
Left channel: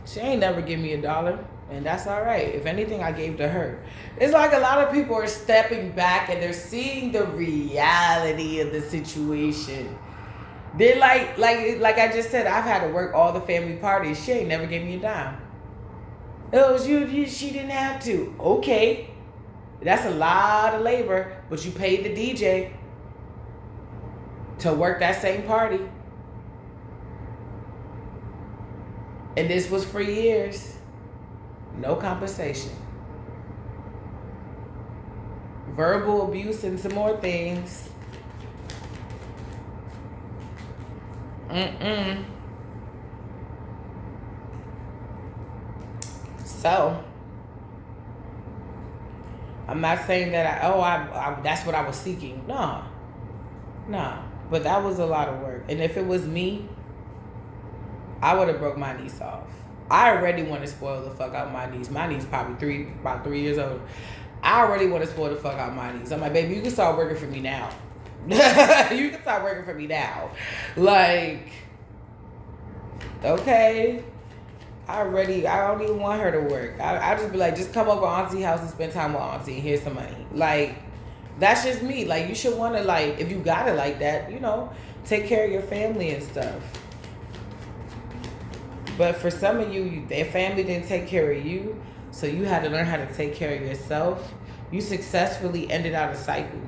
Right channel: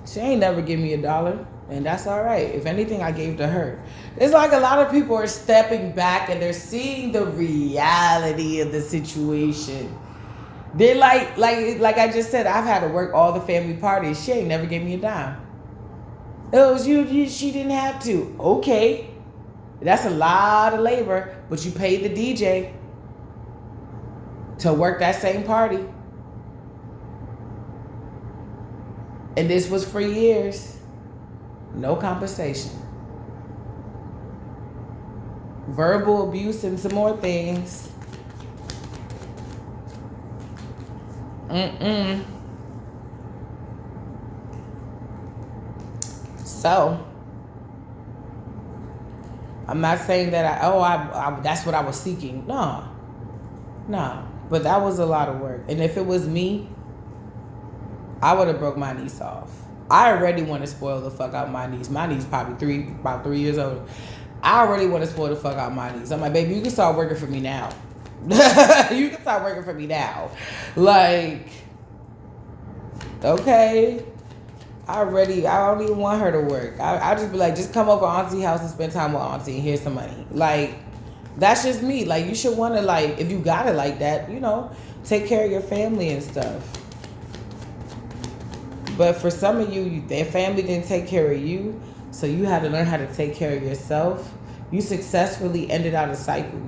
she ain't never give me $1, and that's all right. If anything, I gave to her. It's like a lot of people are stepping back and they're seeing the reality of the situation. They're like I just said, I've had to work all the family parties. She ain't never gave me $10. It was you. She didn't have to. Okay, that's a lot of labor, but you paid the DJ to work that same party. And this was for years. No compensation. Verbal abuse and some more things. So, I'm not saying that I that's what I was seeking. No. But that was a lot of work. And if it was me, I would have broke my niece off. I already want to spoil the fuck out my niece. My niece probably about 3 years old. I already want to spoil the fuck out my niece. I'm like, baby, you can start working for me now. You can start working for me now. Like, okay. I don't even want her to work. I just be like, just come over auntie house and spend time with auntie and here's some money. Like, that's just me. Like, you should want to, like, if you got it like that, take care of your family and stuff. But for some of you, their family didn't take care of you, so you had to learn how to take care of yourself. You successfully ended out a cycle.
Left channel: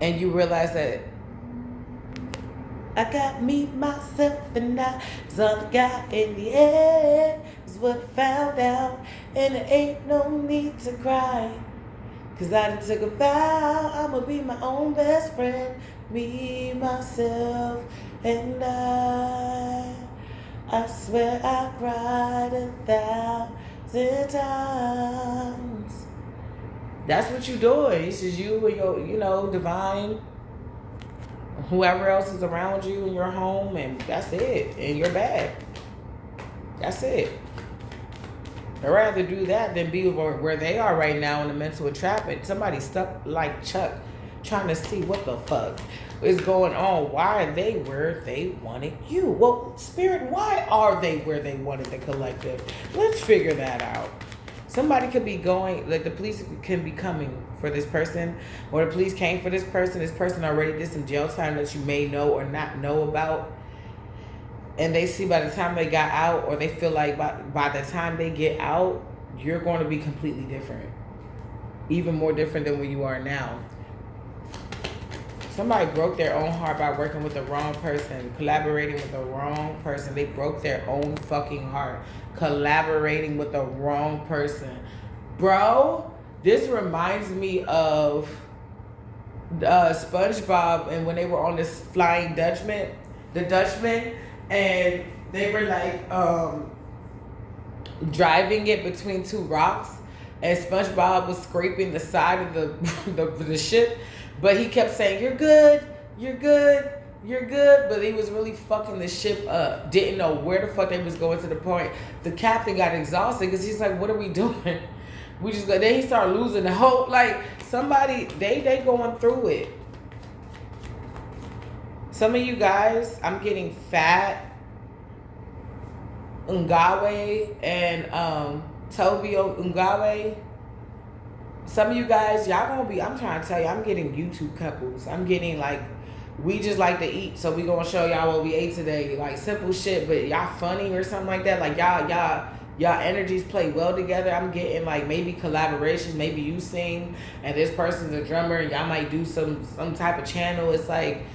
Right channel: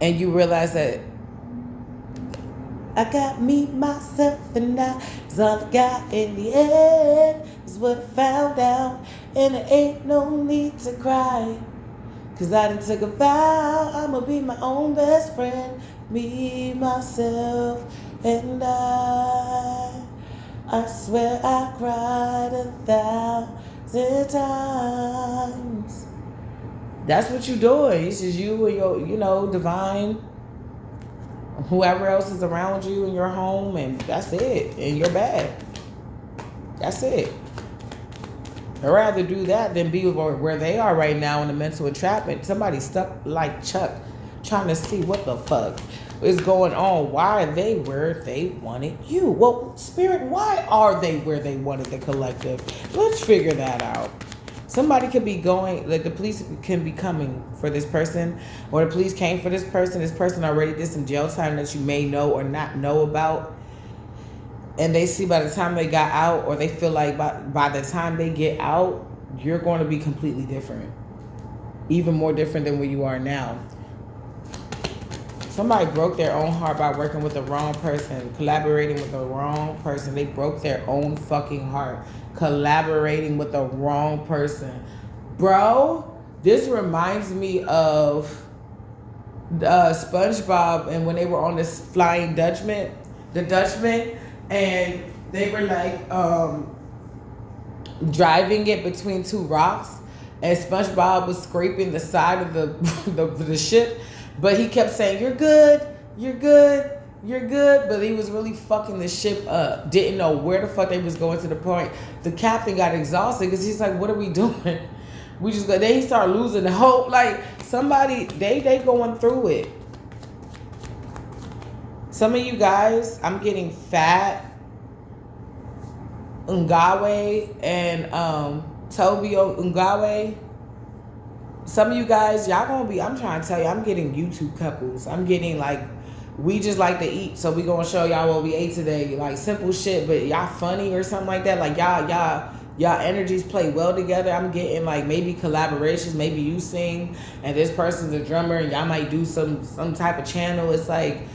And you realize that I got me, myself, and I is all I got in the end, is what I found out. And there ain't no need to cry, 'cause I done took a vow, I'ma be my own best friend. Me, myself, and I swear I cried 1,000 times. That's what you're doing. It's just you and your, divine, whoever else is around you in your home, and that's it. In your bag. That's it. I'd rather do that than be where they are right now in the mental entrapment. Somebody stuck like Chuck trying to see what the fuck is going on. Why are they where they wanted you? Well, Spirit, why are they where they wanted the collective? Let's figure that out. Somebody could be going, like the police can be coming for this person, or the police came for this person. This person already did some jail time that you may know or not know about. And they see by the time they got out, or they feel like by the time they get out, you're going to be completely different. Even more different than where you are now. Somebody broke their own heart by working with the wrong person, collaborating with the wrong person. They broke their own fucking heart, collaborating with the wrong person. Bro, this reminds me of SpongeBob and when they were on this Flying Dutchman, and they were like driving it between two rocks, and SpongeBob was scraping the side of the ship, but he kept saying, "You're good, you're good, you're good," but he was really fucking the ship up. Didn't know where the fuck they was going, to the point the captain got exhausted because he's like, "What are we doing?" We just go. Then he started losing the hope. Like somebody, they going through it. Some of you guys, I'm getting Fat, Ngawe, and Tobio Ngawe. Some of you guys, y'all gonna be, I'm trying to tell you, I'm getting YouTube couples. I'm getting like, we just like to eat, so we gonna show y'all what we ate today. Like simple shit, but y'all funny or something like that. Like y'all energies play well together. I'm getting like maybe collaborations. Maybe you sing and this person's a drummer and y'all might do some type of channel. It's like,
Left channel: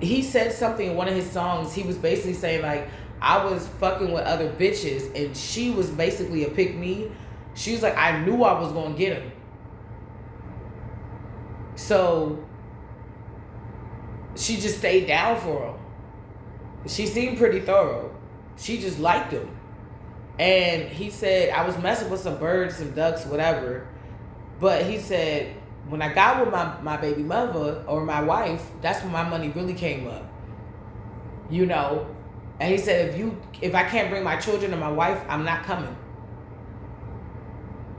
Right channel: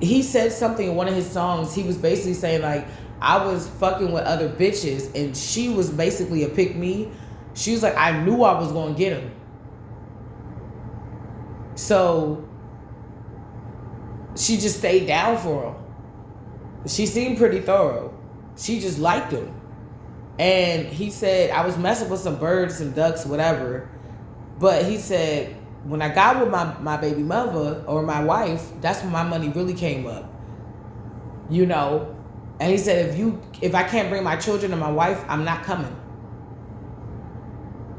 he said something in one of his songs. He was basically saying like, I was fucking with other bitches and she was basically a pick me. She was like, I knew I was gonna get him. So she just stayed down for him. She seemed pretty thorough. She just liked him. And he said, I was messing with some birds, some ducks, whatever. But he said, when I got with my baby mother or my wife, that's when my money really came up. You know? And he said, if I can't bring my children and my wife, I'm not coming.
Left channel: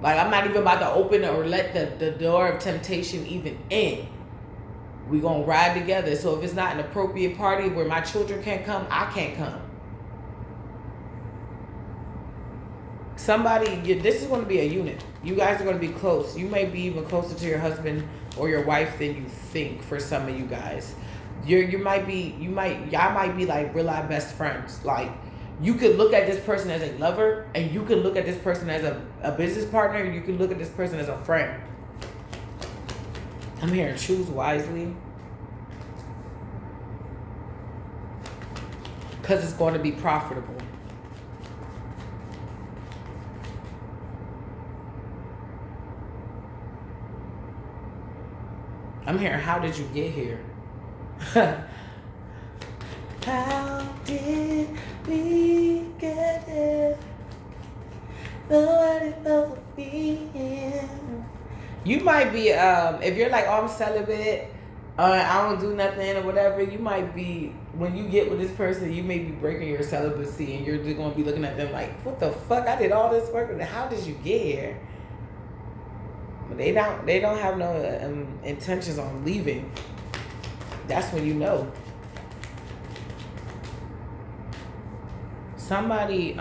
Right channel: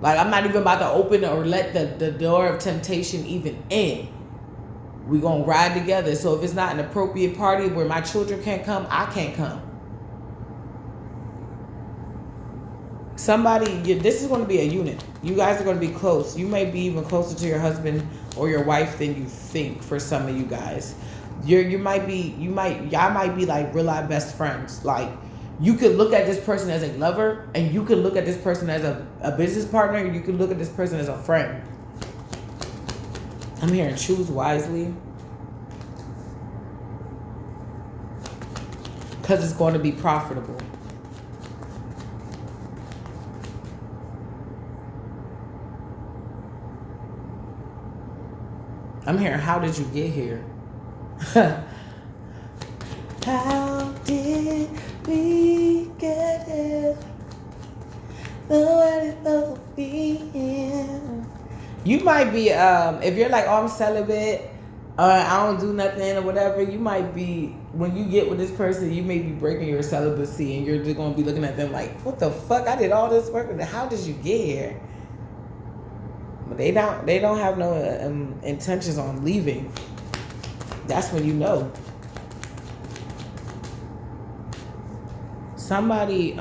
Like, I'm not even about to open or let the door of temptation even in. We gonna ride together. So if it's not an appropriate party where my children can't come, I can't come. This is going to be a unit. You guys are going to be close. You may be even closer to your husband or your wife than you think. For some of you guys, y'all might be like real life best friends. Like, you could look at this person as a lover, and you could look at this person as a business partner. You could look at this person as a friend. I'm hearing choose wisely, because it's going to be profitable. I'm hearing, how did you get here? How did we get here? Nobody knows me. You might be, if you're like, oh, I'm celibate, I don't do nothing or whatever, you might be, when you get with this person, you may be breaking your celibacy and you're just going to be looking at them like, what the fuck? I did all this work, and how did you get here? They don't have no intentions on leaving. That's when you know. Somebody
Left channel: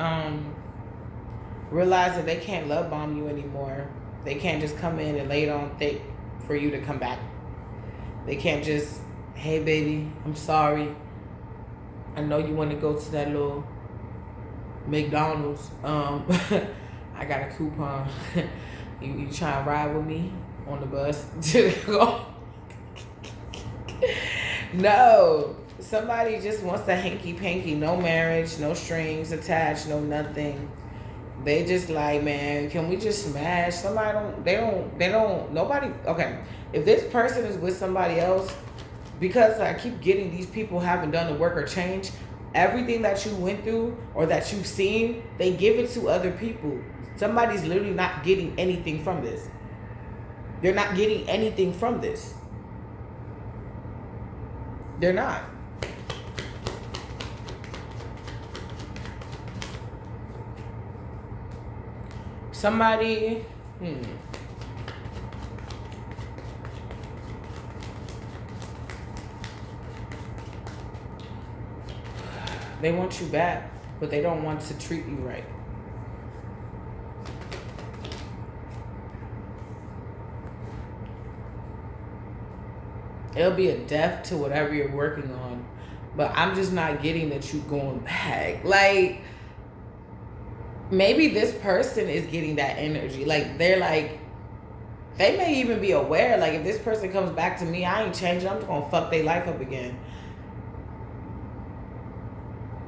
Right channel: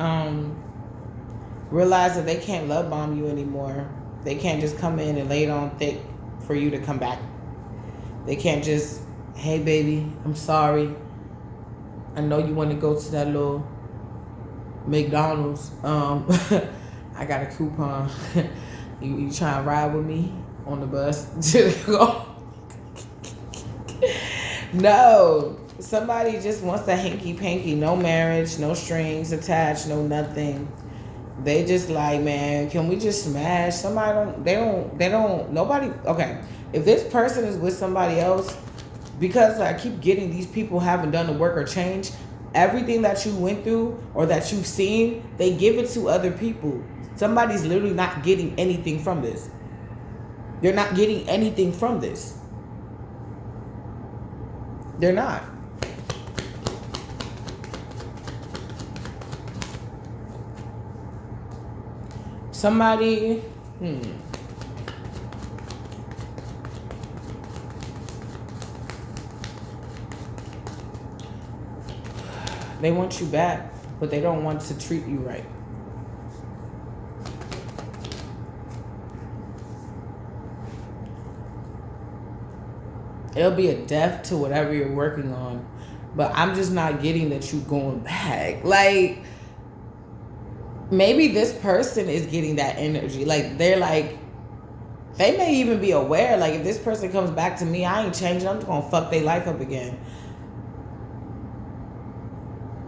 realized that they can't love bomb you anymore. They can't just come in and lay it on thick for you to come back. They can't just, hey baby, I'm sorry. I know you want to go to that little McDonald's. I got a coupon. You try to ride with me on the bus? No. Somebody just wants a hanky-panky. No marriage, no strings attached, no nothing. They just like, man, can we just smash? Nobody, okay. If this person is with somebody else, because I keep getting these people haven't done the work or change, everything that you went through or that you've seen, they give it to other people. Somebody's literally not getting anything from this. They're not getting anything from this. They're not. Somebody, they want you back, but they don't want to treat you right. It'll be a death to whatever you're working on, but I'm just not getting that you going back. Like, maybe this person is getting that energy. Like, they're like, they may even be aware, like, if this person comes back to me, I ain't changing. I'm just gonna fuck their life up again.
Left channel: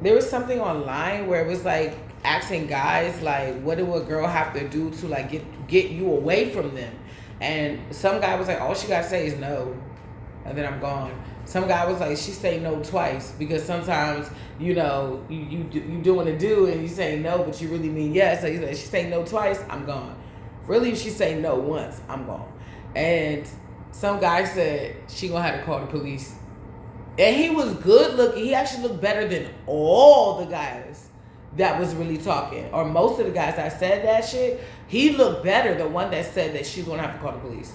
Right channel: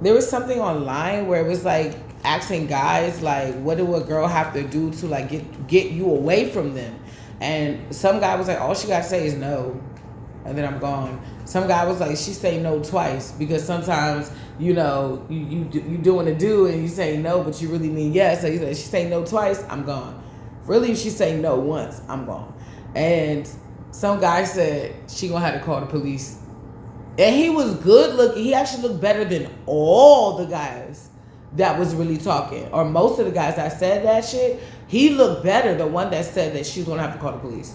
There was something online where it was like asking guys, like, what do a girl have to do to like get you away from them? And some guy was like, all she gotta say is no, and then I'm gone. Some guy was like, she say no twice, because sometimes, you know, you doing a do and you say no, but you really mean yes. So he said, she say no twice, I'm gone. Really, she say no once, I'm gone. And some guy said she gonna have to call the police. And he was good looking. He actually looked better than all the guys that was really talking. Or most of the guys that said that shit. He looked better, the one that said that she's gonna have to call the police.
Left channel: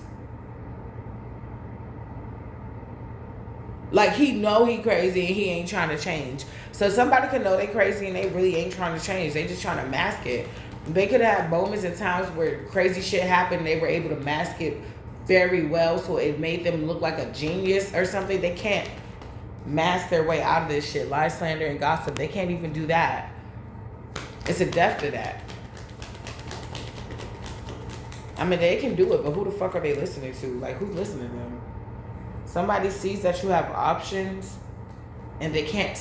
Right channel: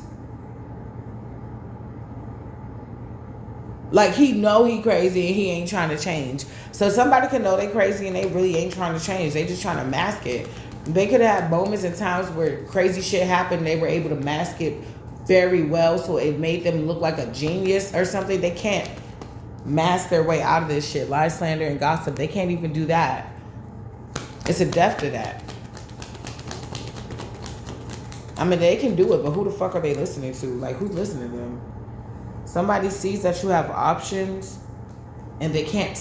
Like, he know he crazy and he ain't trying to change. So somebody can know they crazy and they really ain't trying to change. They just trying to mask it. They could have moments and times where crazy shit happened. They were able to mask it very well, so it made them look like a genius or something. They can't mask their way out of this shit. Lie, slander, and gossip. They can't even do that. It's a death to that. I mean, they can do it, but who the fuck are they listening to? Like, who's listening to them? Somebody sees that you have options and they can't,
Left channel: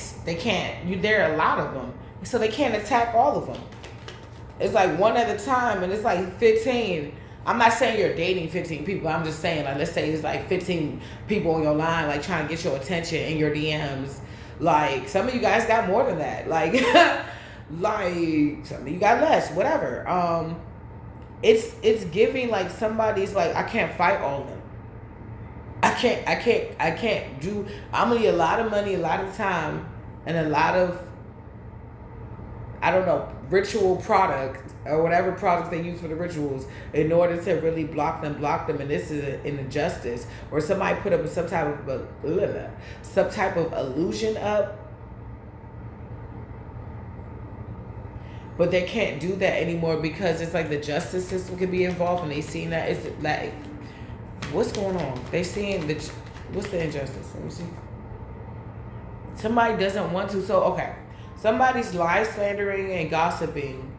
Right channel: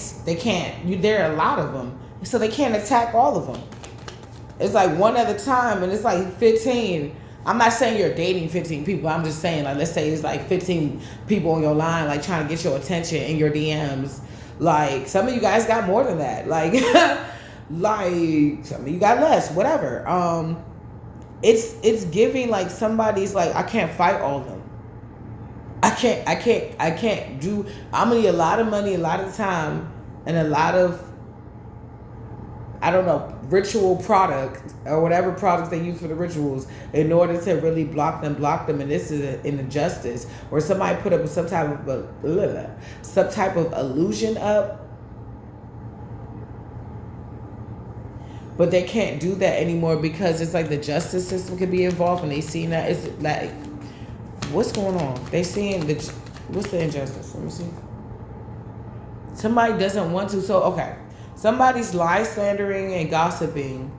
there are a lot of them. So they can't attack all of them. It's like one at a time, and it's like 15. I'm not saying you're dating 15 people. I'm just saying, like, let's say it's like 15 people on your line, like, trying to get your attention in your DMs. Like, some of you guys got more than that. Like, like, some of you got less, whatever. It's giving, like, somebody's like, I can't fight all of them. I can't do, I'm gonna need a lot of money, a lot of time, and a lot of, I don't know, ritual product or whatever products they use for the rituals in order to really block them. And this is an injustice. Or somebody put up some type of illusion up, but they can't do that anymore because it's like the justice system could be involved, and they seen that it's like, what's going on? They seeing what's the injustice? Let me see. Somebody doesn't want to. So okay. Somebody's lie, slandering, and gossiping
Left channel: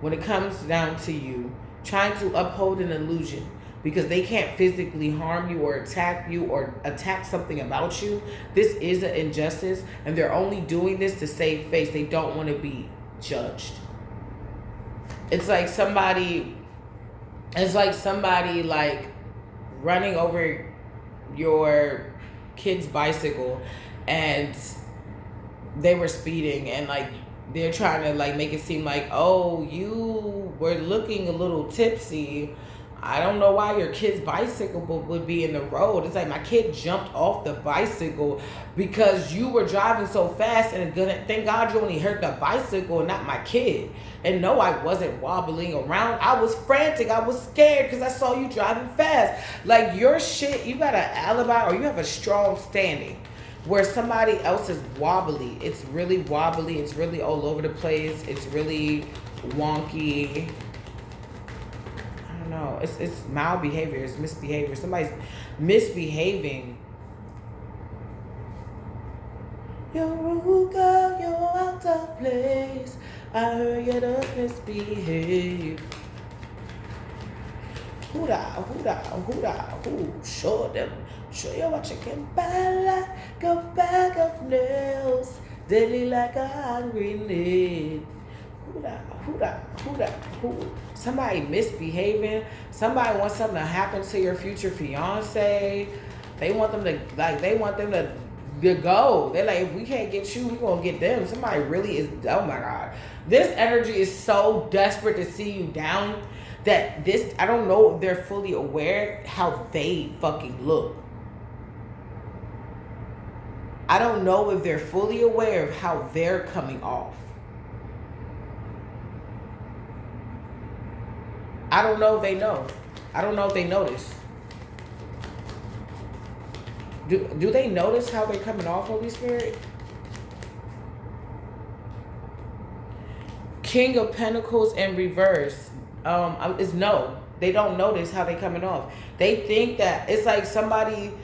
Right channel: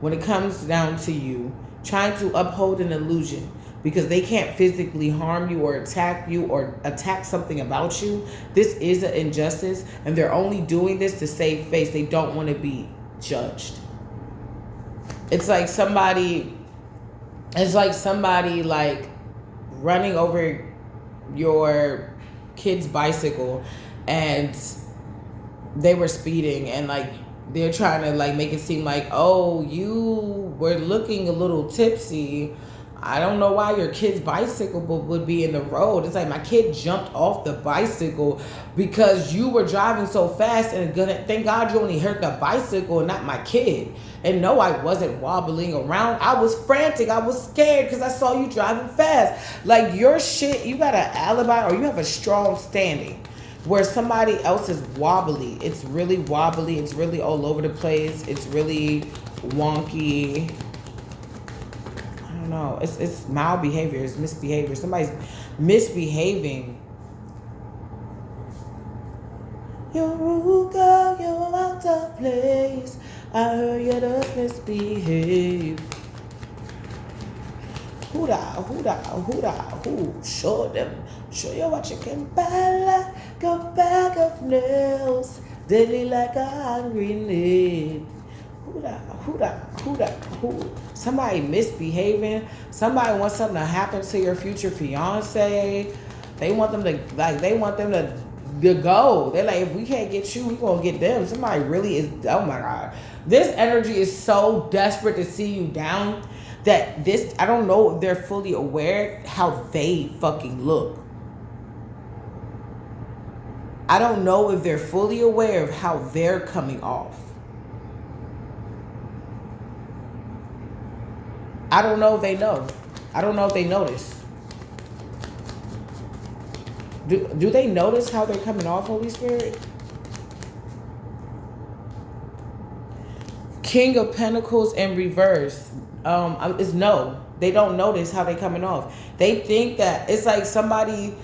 when it comes down to you, trying to uphold an illusion because they can't physically harm you or attack you or attack something about you. This is an injustice, and they're only doing this to save face. They don't want to be judged. It's like somebody like running over your kid's bicycle, and they were speeding, and like they're trying to like make it seem like, oh, you were looking a little tipsy. I don't know why your kid's bicycle would be in the road. It's like, my kid jumped off the bicycle because you were driving so fast, and thank God you only hurt the bicycle and not my kid. And no, I wasn't wobbling around. I was frantic. I was scared because I saw you driving fast. Like, your shit, you got an alibi or you have a strong standing. Where somebody else is wobbly. It's really wobbly. It's really all over the place. It's really wonky. I don't know. It's malbehavior. It's misbehavior. Somebody's misbehaving. You're rude, girl. You're out of place. I heard you just misbehave. Who show them. Show you what you can buy, like a bag of nails, deadly like a hungry need. Who? Somebody misbehaving. Somebody wants something to happen to your future fiance. They want them to go. They're like, if we can't get you, we gonna get them. Somebody really is, oh my God. This energy is so desperate to see you down that this, I don't know if they're fully aware how they fucking look. I don't know if they're fully aware of how they're coming off. I don't know if they know. I don't know if they notice. Do they notice how they're coming off, Holy Spirit? King of Pentacles in reverse. Is no. They don't notice how they coming off. They think that it's like somebody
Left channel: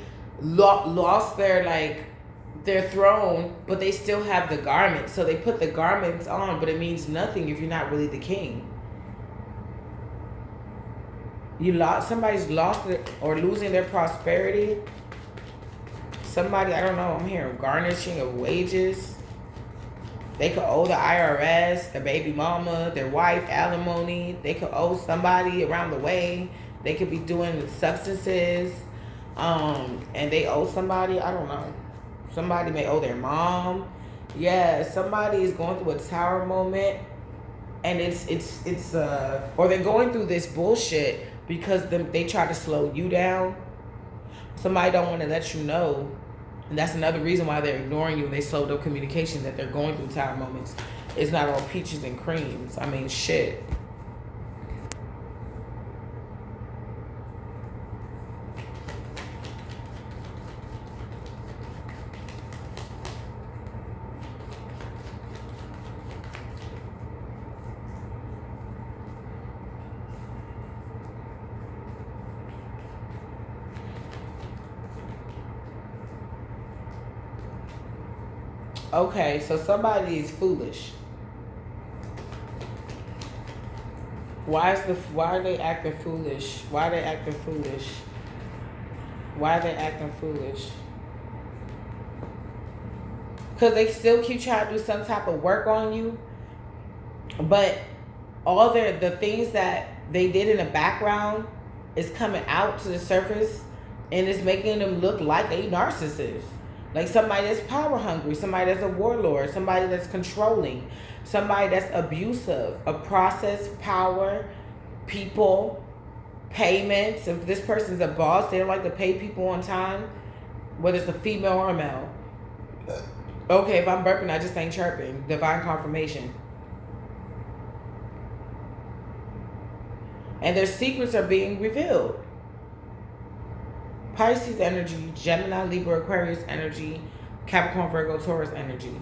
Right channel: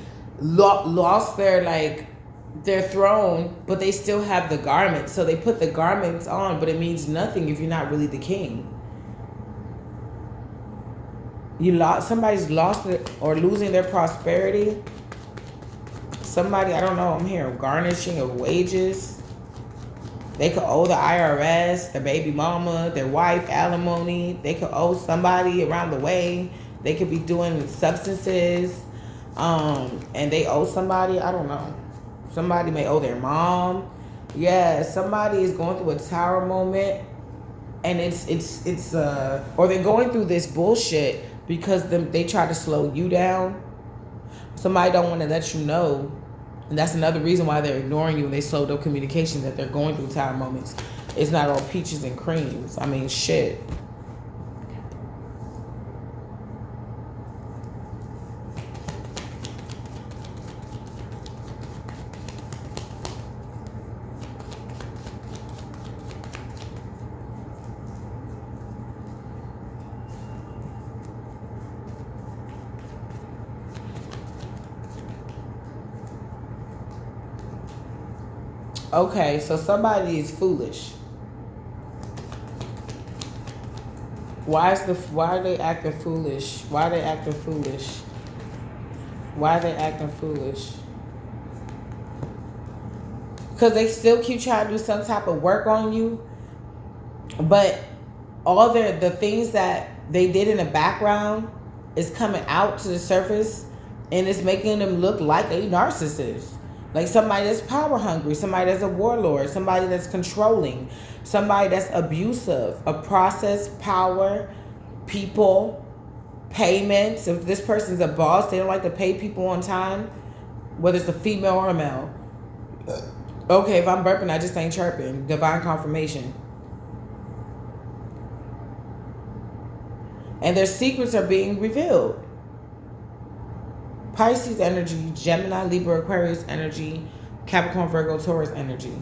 lost their their throne, but they still have the garments. So they put the garments on, but it means nothing if you're not really the king. Somebody's lost or losing their prosperity. Somebody, I don't know, I'm hearing garnishing of wages. They could owe the IRS, their baby mama, their wife, alimony. They could owe somebody around the way. They could be doing substances, and they owe somebody, I don't know. Somebody may owe their mom. Yeah, somebody is going through a tower moment, and it's or they're going through this bullshit because they try to slow you down. Somebody don't want to let you know. And that's another reason why they're ignoring you and they slowed up communication, that they're going through tower moments. It's not all peaches and creams. I mean, shit. Okay, so somebody is foolish. Why are they acting foolish? Why are they acting foolish? Why are they acting foolish? Because they still keep trying to do some type of work on you, but all the things that they did in the background is coming out to the surface, and it's making them look like a narcissist. Like somebody that's power hungry, somebody that's a warlord, somebody that's controlling, somebody that's abusive, a process, power, people, payments. If this person's a boss, they don't like to pay people on time, whether it's a female or a male. Okay, if I'm burping, I just ain't chirping. Divine confirmation. And their secrets are being revealed. Pisces energy, Gemini, Libra, Aquarius energy, Capricorn, Virgo, Taurus energy.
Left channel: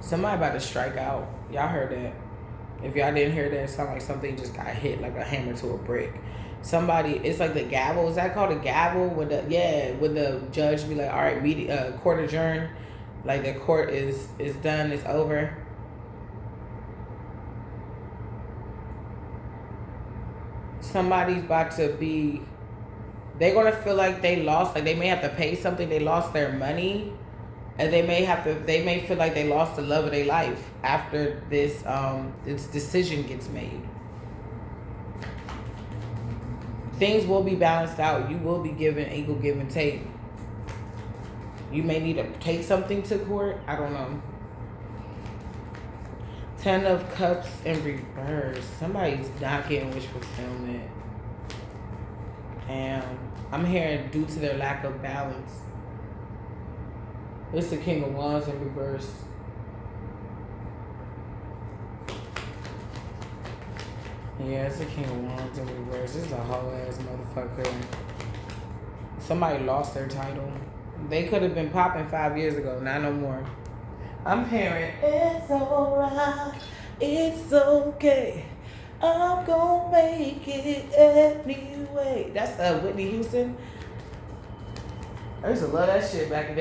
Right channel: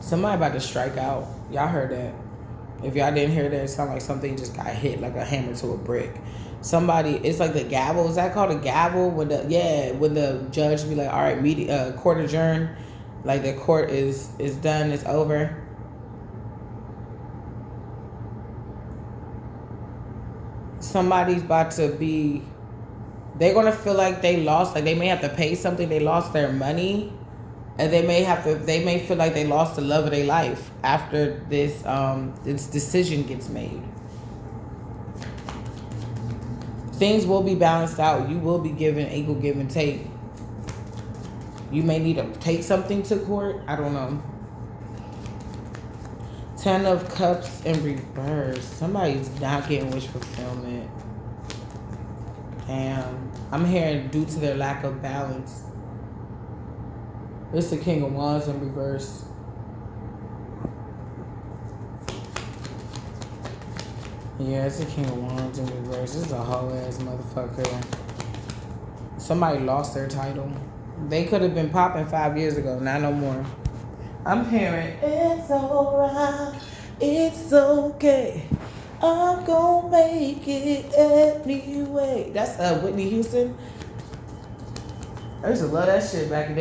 Somebody about to strike out. Y'all heard that. If y'all didn't hear that, it sounded like something just got hit like a hammer to a brick. Somebody, it's like the gavel. Is that called a gavel? When the judge be like, all right, court adjourned, like the court is done, it's over. Somebody's about to be, they're gonna feel like they lost, like they may have to pay something, they lost their money, and they may feel like they lost the love of their life after this decision gets made. Things will be balanced out. You will be given equal give and take. You may need to take something to court. I don't know. 10 of Cups in reverse. Somebody's not getting wish fulfillment. And I'm hearing due to their lack of balance. It's the King of Wands in reverse. Yeah, it's the King of Wands in reverse. This is a whole ass motherfucker. Somebody lost their title. They could have been popping 5 years ago, not no more. I'm hearing, it's alright, it's okay, I'm gonna make it anyway. That's Whitney Houston. I used to love that shit back in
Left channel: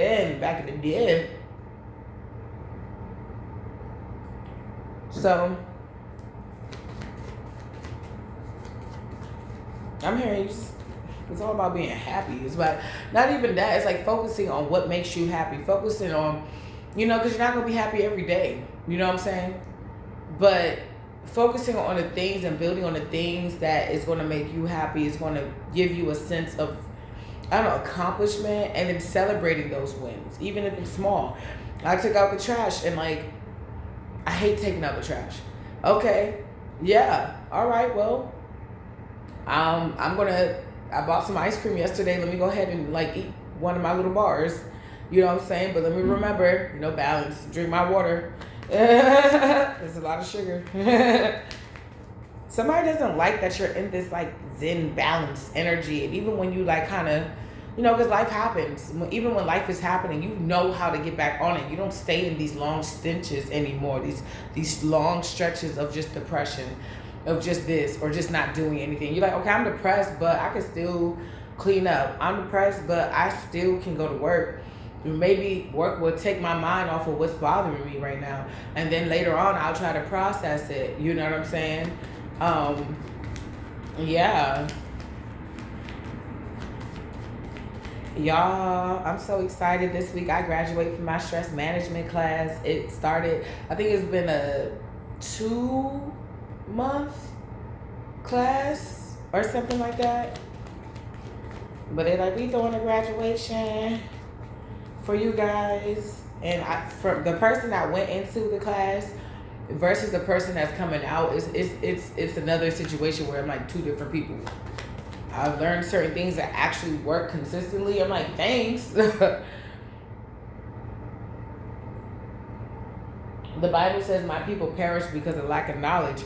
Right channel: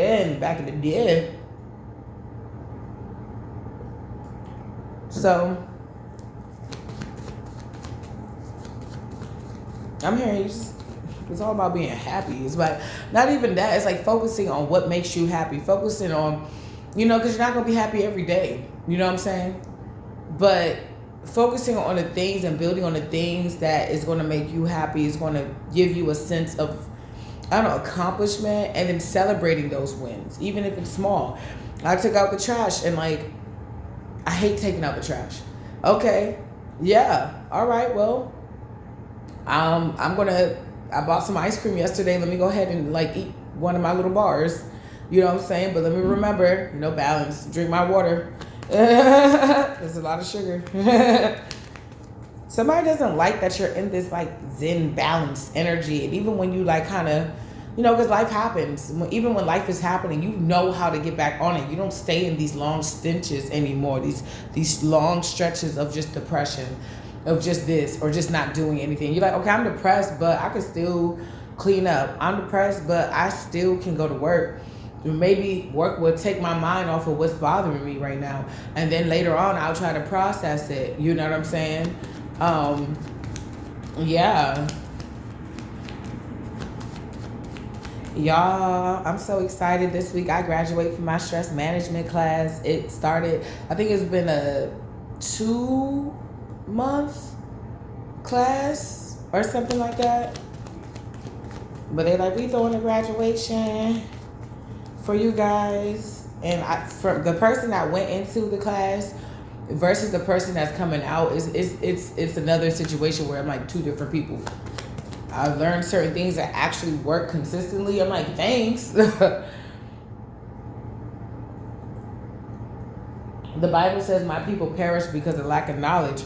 the day. So I'm hearing it's all about being happy. It's about, not even that, it's like focusing on what makes you happy. Focusing on, because you're not going to be happy every day. You know what I'm saying? But focusing on the things and building on the things that is going to make you happy is going to give you a sense of, accomplishment, and then celebrating those wins, even if it's small. I took out the trash and I hate taking out the trash. Okay. Yeah. All right. Well, I bought some ice cream yesterday. Let me go ahead and like eat one of my little bars. You know what I'm saying? But let me remember, balance. Drink my water. There's a lot of sugar. Somebody doesn't like that you're in this like zen balance energy. And even when you like kind of, because life happens. Even when life is happening, you know how to get back on it. You don't stay in these long stenches anymore. These long stretches of just depression, of just this or just not doing anything. You're like, okay, I'm depressed, but I can still clean up. I'm depressed, but I still can go to work. Maybe work will take my mind off of what's bothering me right now. And then later on, I'll try to process it. You know what I'm saying? Yeah. Y'all, I'm so excited. This week I graduated from my stress management class. It started, I think it's been a 2-month class or something like that. But they're like, we throwing a graduation for you guys. And for the person that went into the class versus the person that's coming out, it's another situation where I'm like 2 different people. I've learned certain things that actually work consistently. I'm like, thanks. The Bible says my people perish because of lack of knowledge.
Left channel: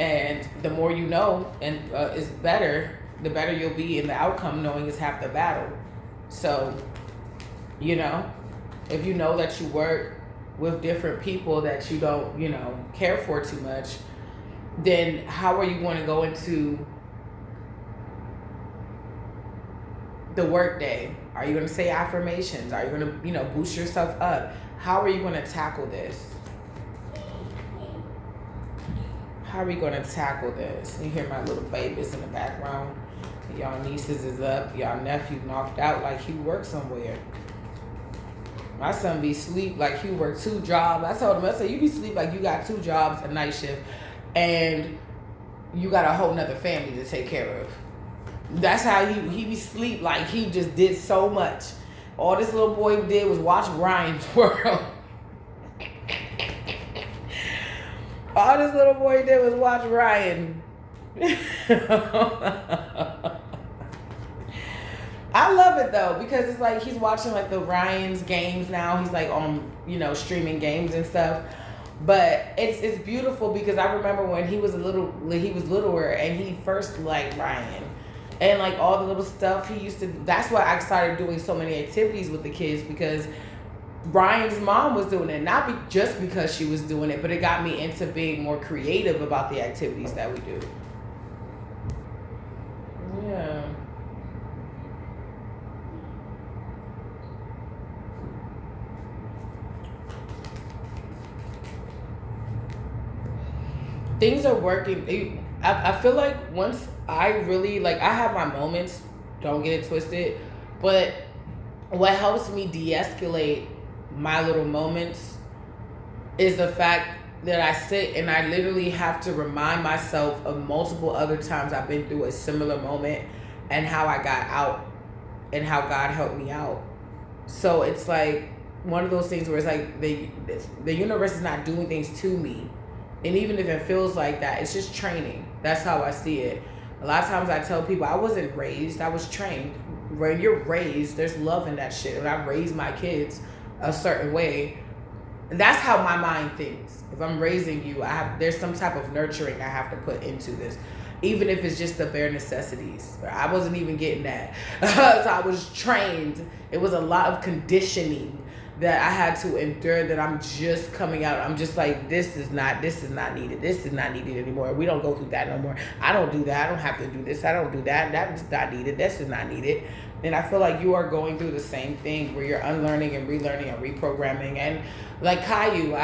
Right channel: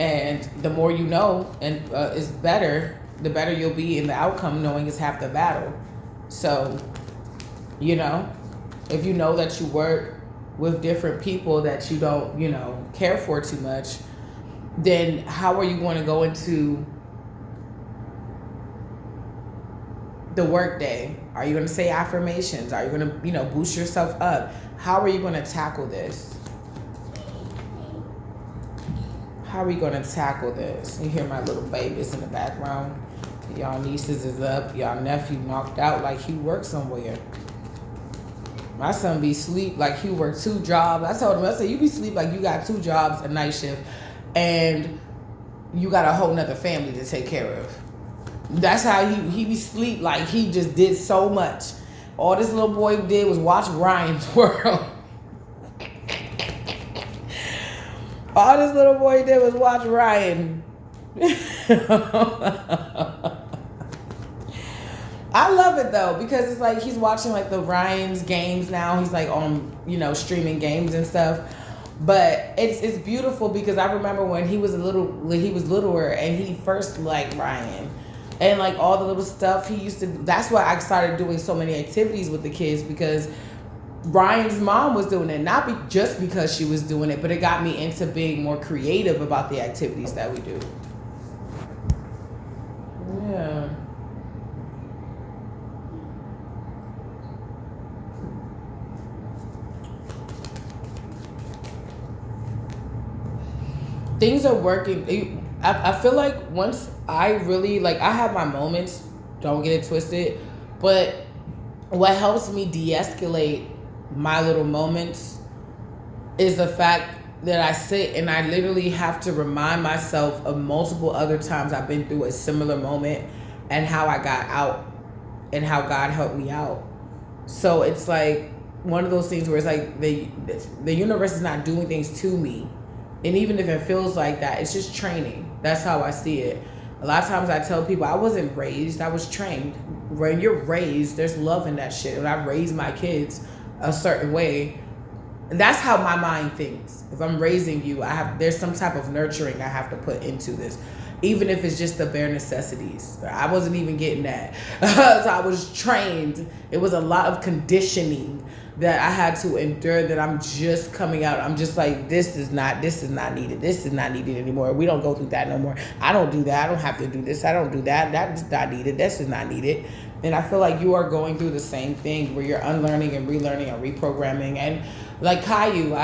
And the more you know and is better, the better you'll be in the outcome. Knowing is half the battle. So, if you know that you work with different people that you don't, care for too much, then how are you going to go into the work day? Are you going to say affirmations? Are you going to, boost yourself up? How are you going to tackle this? How are we going to tackle this? You hear my little babies in the background. Y'all nieces is up. Y'all nephew knocked out like he worked somewhere. My son be sleep like he worked 2 jobs. I told him, I said, you be sleep like you got 2 jobs, a night shift, and you got a whole nother family to take care of. That's how he be sleep like he just did so much. All this little boy did was watch Ryan's World. All this little boy did was watch Ryan. I love it though, because it's like he's watching like the Ryan's games now. He's like on, streaming games and stuff. But it's beautiful because I remember when he was littler and he first liked Ryan. And like all the little stuff he used to, that's why I started doing so many activities with the kids, because Ryan's mom was doing it. Not just because she was doing it, but it got me into being more creative about the activities that we do. Yeah. Things are working. I feel like once I really, I have my moments, don't get it twisted, but what helps me de-escalate my little moments is the fact that I sit and I literally have to remind myself of multiple other times I've been through a similar moment and how I got out and how God helped me out. So it's like one of those things where it's like the universe is not doing things to me. And even if it feels like that, it's just training. That's how I see it. A lot of times I tell people I wasn't raised, I was trained. When you're raised, there's love in that shit. And I raised my kids a certain way. And that's how my mind thinks. If I'm raising you, there's some type of nurturing I have to put into this. Even if it's just the bare necessities. I wasn't even getting that. So I was trained. It was a lot of conditioning that I had to endure, that I'm just coming out. I'm just like, this is not needed. This is not needed anymore. We don't go through that no more. I don't do that. I don't have to do this. I don't do that. That is not needed. This is not needed. And I feel like you are going through the same thing where you're unlearning and relearning and reprogramming. And like Caillou,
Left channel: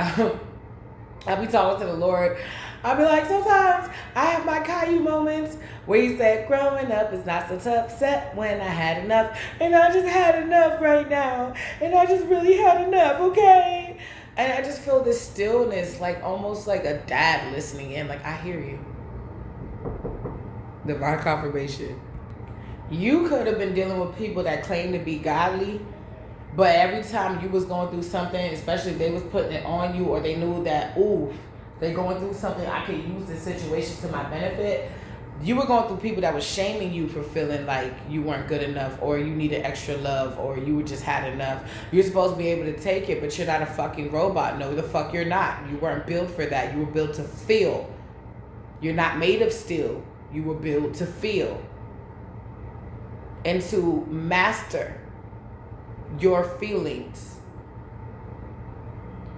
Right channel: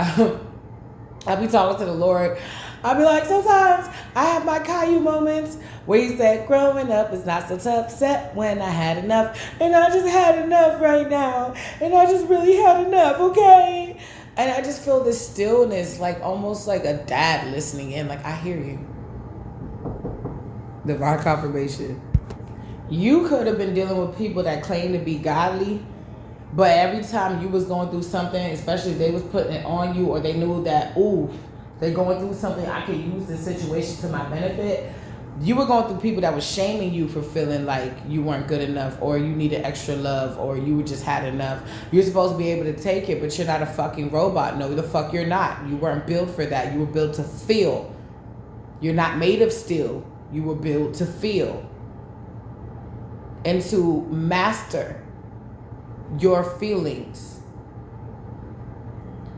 I'll be talking to the Lord. I'll be like, sometimes I have my Caillou moments where he said, growing up is not so tough, except when I had enough. And I just had enough right now. And I just really had enough, okay? And I just feel this stillness, like almost like a dad listening in. Like, I hear you. Divine confirmation. You could have been dealing with people that claim to be godly, but every time you was going through something, especially if they was putting it on you, or they knew that, ooh, they're going through something, I could use this situation to my benefit, You were going through people that was shaming you for feeling like you weren't good enough, or you needed extra love, or you just had enough. You're supposed to be able to take it, but you're not a fucking robot. No, the fuck you're not. You weren't built for that. You were built to feel. You're not made of steel. You were built to feel and to master your feelings.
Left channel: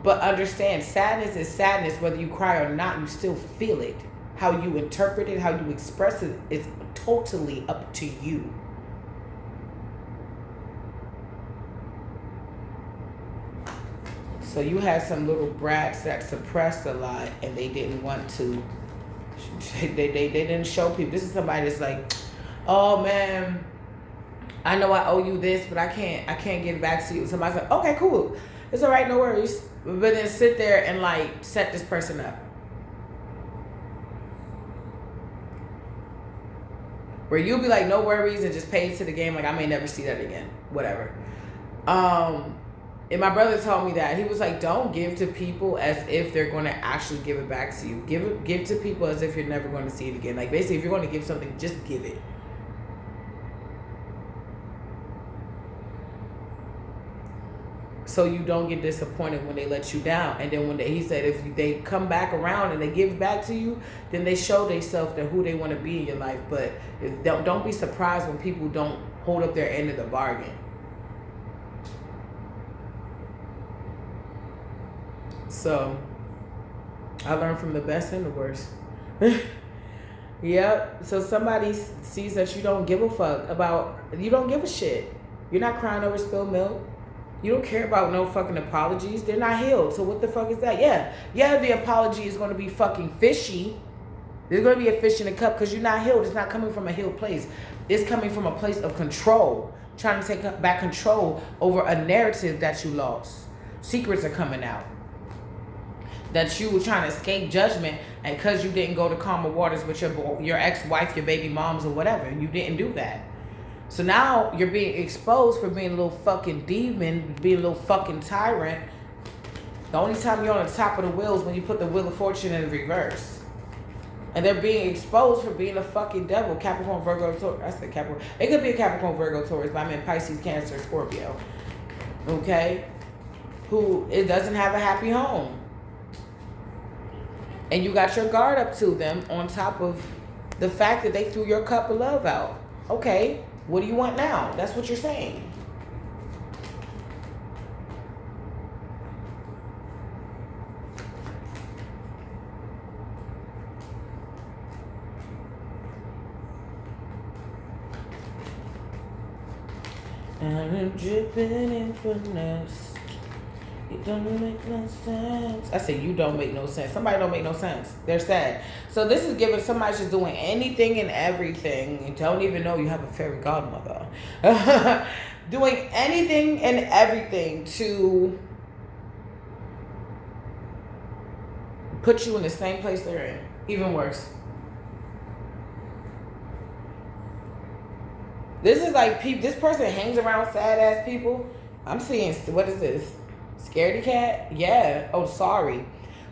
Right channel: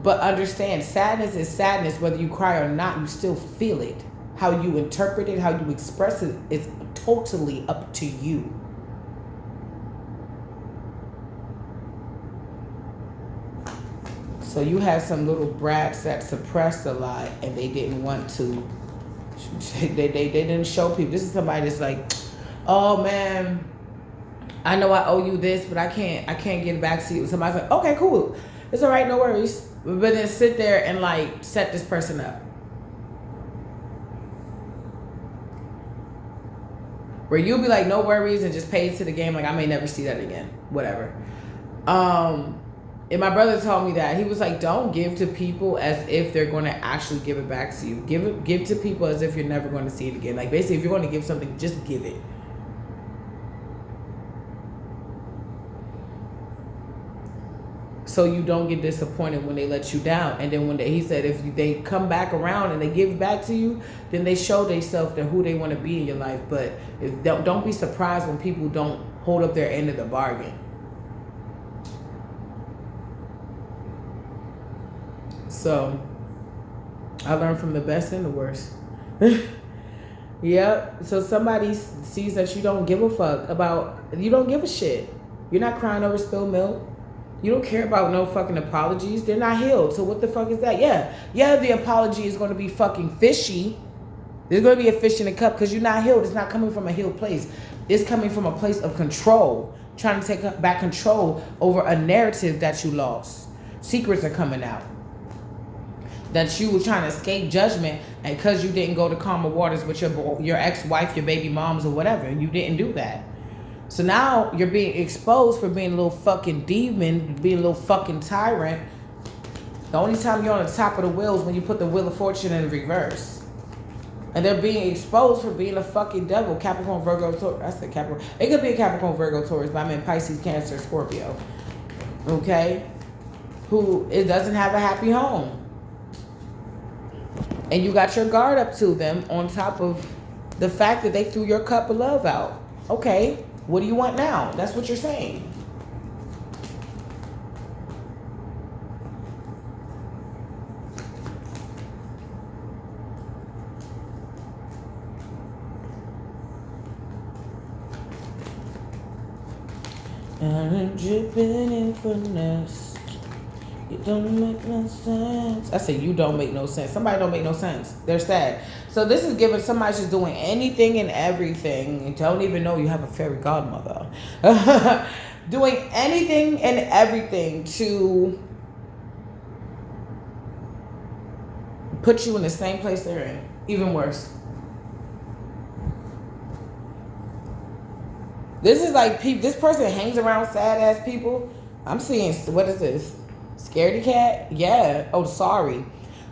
But understand, sadness is sadness. Whether you cry or not, you still feel it. How you interpret it, how you express it is totally up to you. So you had some little brats that suppressed a lot, and they didn't want to. They didn't show people. This is somebody that's like, oh man, I know I owe you this, but I can't get it back to you. Somebody's like, okay, cool, it's all right, no worries. But then sit there and like set this person up. Where you'll be like, no worries, and just pay to the game, like I may never see that again. Whatever. And my brother told me that. He was like, don't give to people as if they're going to actually give it back to you. Give to people as if you're never going to see it again. Like basically, if you're going to give something, just give it. So you don't get disappointed when they let you down. And then he said, if they come back around and they give back to you, then they show themselves to who they want to be in your life. But don't be surprised when people don't hold up their end of the bargain. So I learned from the best and the worst. Yep. So somebody sees that you don't give a fuck about, you don't give a shit. You're not crying over spilled milk. You don't care about no fucking apologies. They're not healed. So what the fuck is that? Yeah, the apology is going to be fucking fishy. There's going to be a fish in the cup because you're not healed. It's not coming from a healed place. It's coming from a place of control. Trying to take back control over a narrative that you lost. Secrets are coming out. That you were trying to escape judgment, and because you didn't go to calmer waters with your ex-wife, your baby moms, or whatever, you didn't do that. So now you're being exposed for being a little fucking demon, being a little fucking tyrant. The only time you're on the top of the wheel is when you put the wheel of fortune in reverse. And they're being exposed for being a fucking devil. Capricorn, Virgo, Taurus. I said Capricorn. It could be a Capricorn, Virgo, Taurus, but I mean Pisces, Cancer, Scorpio. Okay? It doesn't have a happy home. And you got your guard up to them on top of the fact that they threw your cup of love out. Okay. What do you want now? That's what you're saying. I'm dripping in finesse. It don't make no sense. I say you don't make no sense. Somebody don't make no sense. They're sad. So this is giving somebody just doing anything and everything and don't even know you have a fairy godmother. Doing anything and everything to put you in the same place they're in. Even worse. This is like this person hangs around sad ass people. I'm seeing, what is this? Scaredy cat? Yeah. Oh, sorry.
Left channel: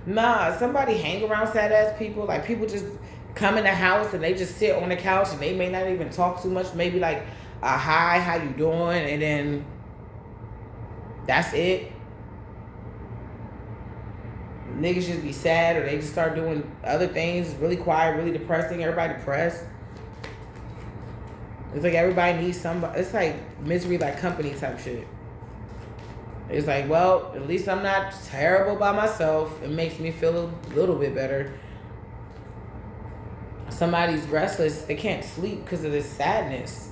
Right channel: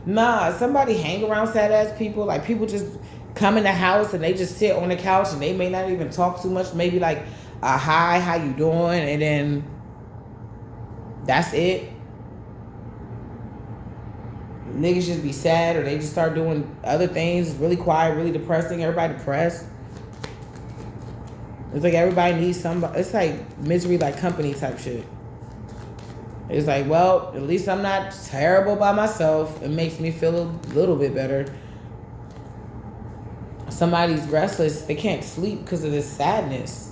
Nah, somebody hang around sad ass people. Like people just come in the house and they just sit on the couch and they may not even talk too much. Maybe like a hi, how you doing? And then that's it. Niggas just be sad or they just start doing other things. It's really quiet, really depressing. Everybody depressed. It's like everybody needs somebody. It's like misery like company type shit. It's like, well, at least I'm not terrible by myself. It makes me feel a little bit better. Somebody's restless. They can't sleep because of this sadness.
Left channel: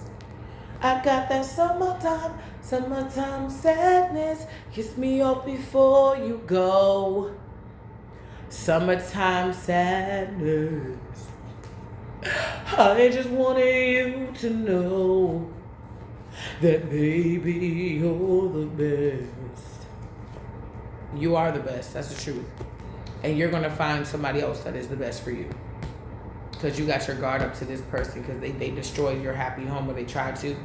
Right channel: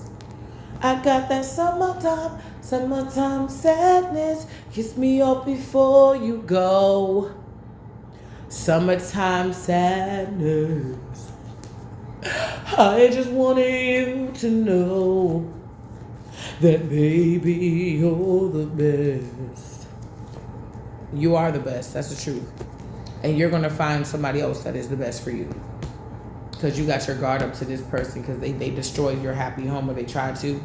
I got that summertime sadness. Kiss me up before you go. Summertime sadness. I just wanted you to know that baby, you're the best. You are the best. That's the truth. And you're going to find somebody else that is the best for you. Because you got your guard up to this person because they destroyed your happy home, or they tried to.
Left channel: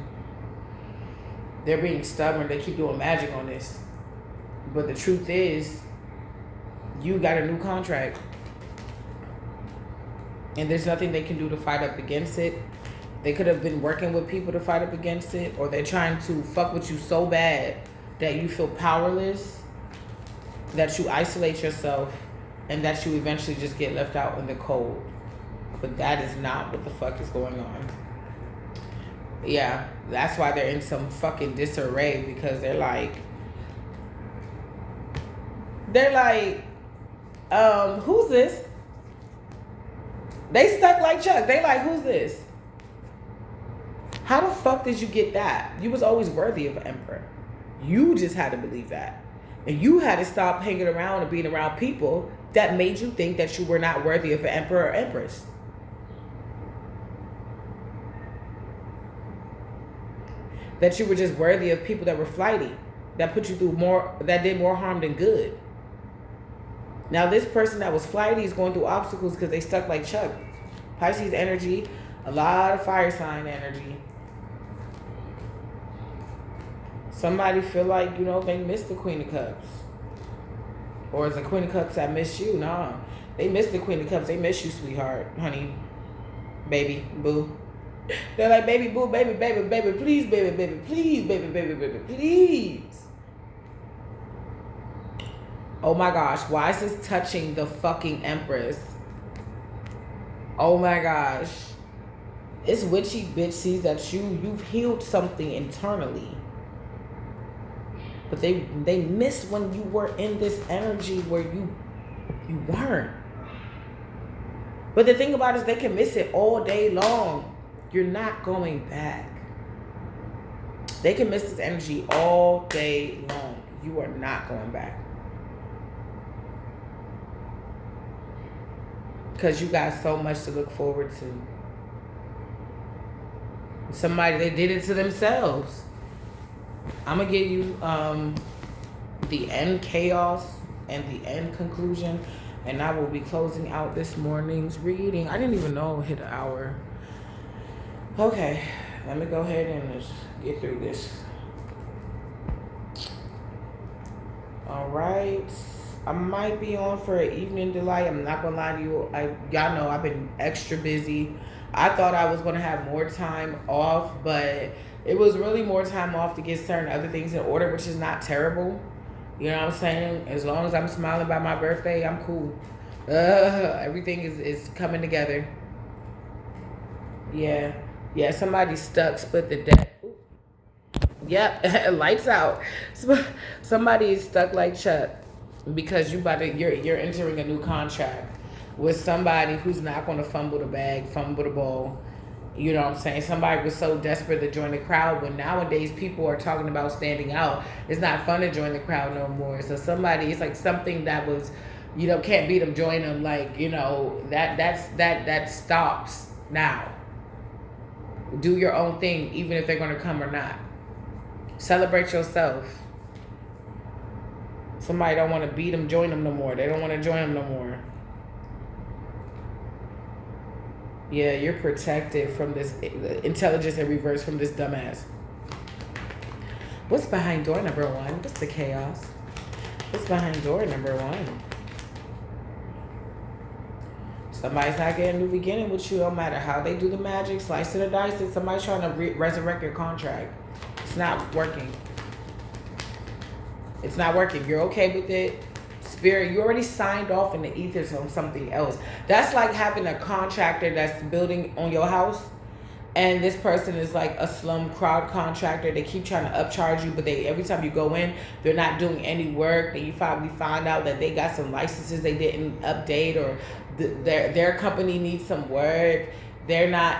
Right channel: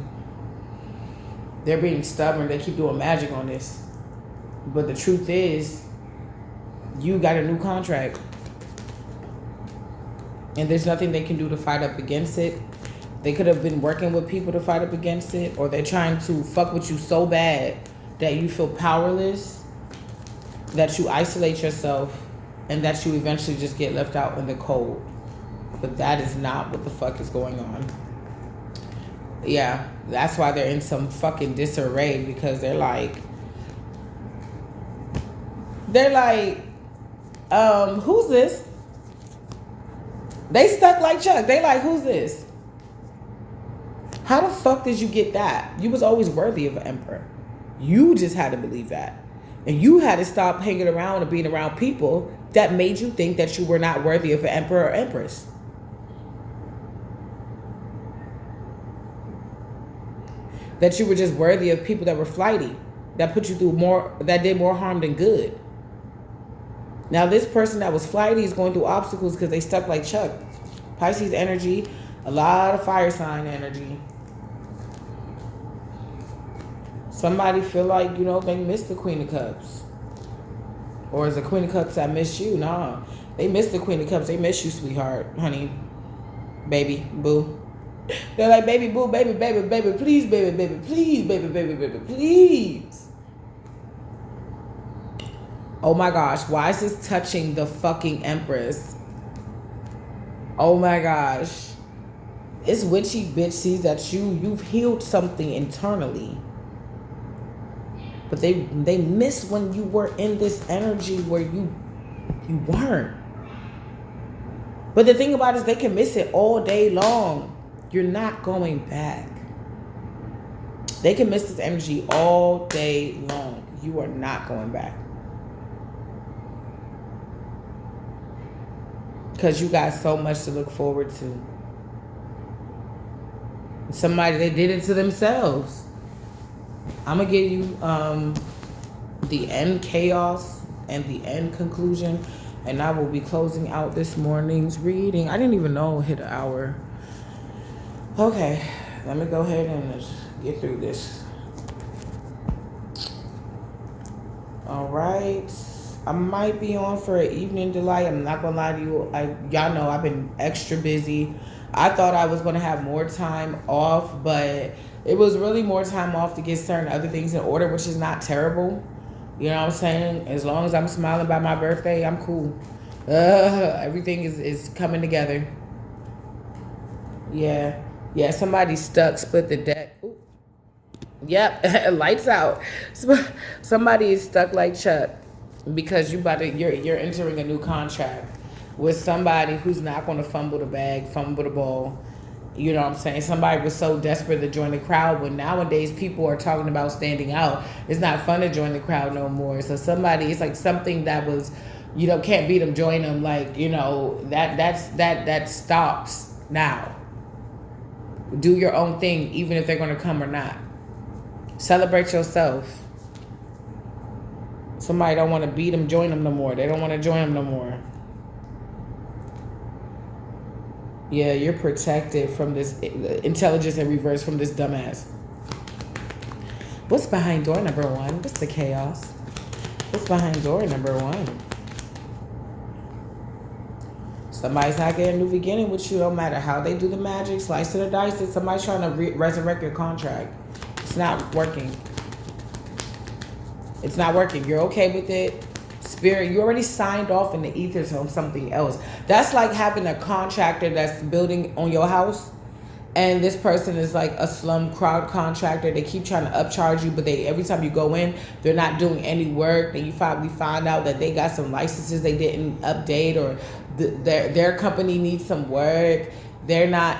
They're being stubborn. They keep doing magic on this. But the truth is, you got a new contract. and there's nothing they can do to fight up against it. They could have been working with people to fight up against it, or they're trying to fuck with you so bad that you feel powerless, that you isolate yourself, and that you eventually just get left out in the cold. But that is not what the fuck is going on. Yeah, that's why they're in some fucking disarray, because they're like, who's this? They stuck like Chuck. They like, who's this? How the fuck did you get that? You was always worthy of an emperor. You just had to believe that. And you had to stop hanging around and being around people that made you think that you were not worthy of an emperor or empress. That you were just worthy of people that were flighty, that put you through more, that did more harm than good. Now this person that was flighty is going through obstacles because they stuck like Chuck. Pisces energy, a lot of fire sign energy. Somebody feel like, you know, they missed the Queen of Cups. Or is the Queen of Cups that miss you? Nah, they missed the Queen of Cups. They miss you, sweetheart, honey, baby, boo. They're like, baby, boo, baby, baby, baby, please, baby, baby, please, baby, baby, baby, please. Oh my gosh, why is this touching the fucking Empress? Oh my gosh. This witchy bitch sees that you've healed something internally. But they missed when you were in this energy where you weren't. But the thing about it is they can miss it all day long. You're not going back. They can miss this energy all day long. You are not going back. Because you got so much to look forward to. Somebody, they did it to themselves. I'm going to give you the end chaos and the end conclusion. And I will be closing out this morning's reading. I didn't even know it hit an hour. Okay, let me go ahead and let's get through this. All right. I might be on for an evening delight. I'm not going to lie to you. Y'all know I've been extra busy. I thought I was going to have more time off, but it was really more time off to get certain other things in order, which is not terrible. You know what I'm saying? As long as I'm smiling by my birthday, I'm cool. Everything is coming together. Yeah. Yeah, somebody stuck, split the deck. Ooh. Yep, lights out. Somebody is stuck like Chuck because you're entering a new contract with somebody who's not going to fumble the bag, fumble the ball. You know what I'm saying? Somebody was so desperate to join the crowd, when nowadays people are talking about standing out. It's not fun to join the crowd no more. So somebody, it's like something that was, you know, can't beat them, join them. Like, you know, that stops now. Do your own thing, even if they're going to come or not. Celebrate yourself. Somebody don't want to beat them, join them no more. They don't want to join them no more. Yeah, you're protected from this intelligence in reverse from this dumbass. What's behind door number 1? What's the chaos? What's behind door number 1? Somebody's not getting a new beginning with you, no matter how they do the magic, slice of the dice. It's somebody trying to resurrect your contract. It's not working. It's not working. You're okay with it. Spirit, you already signed off in the ethers on something else. That's like having a contractor that's building on your house, and this person is like a slum crowd contractor. They keep trying to upcharge you, but every time you go in, they're not doing any work. And you finally find out that they got some licenses they didn't update, or their company needs some work. They're not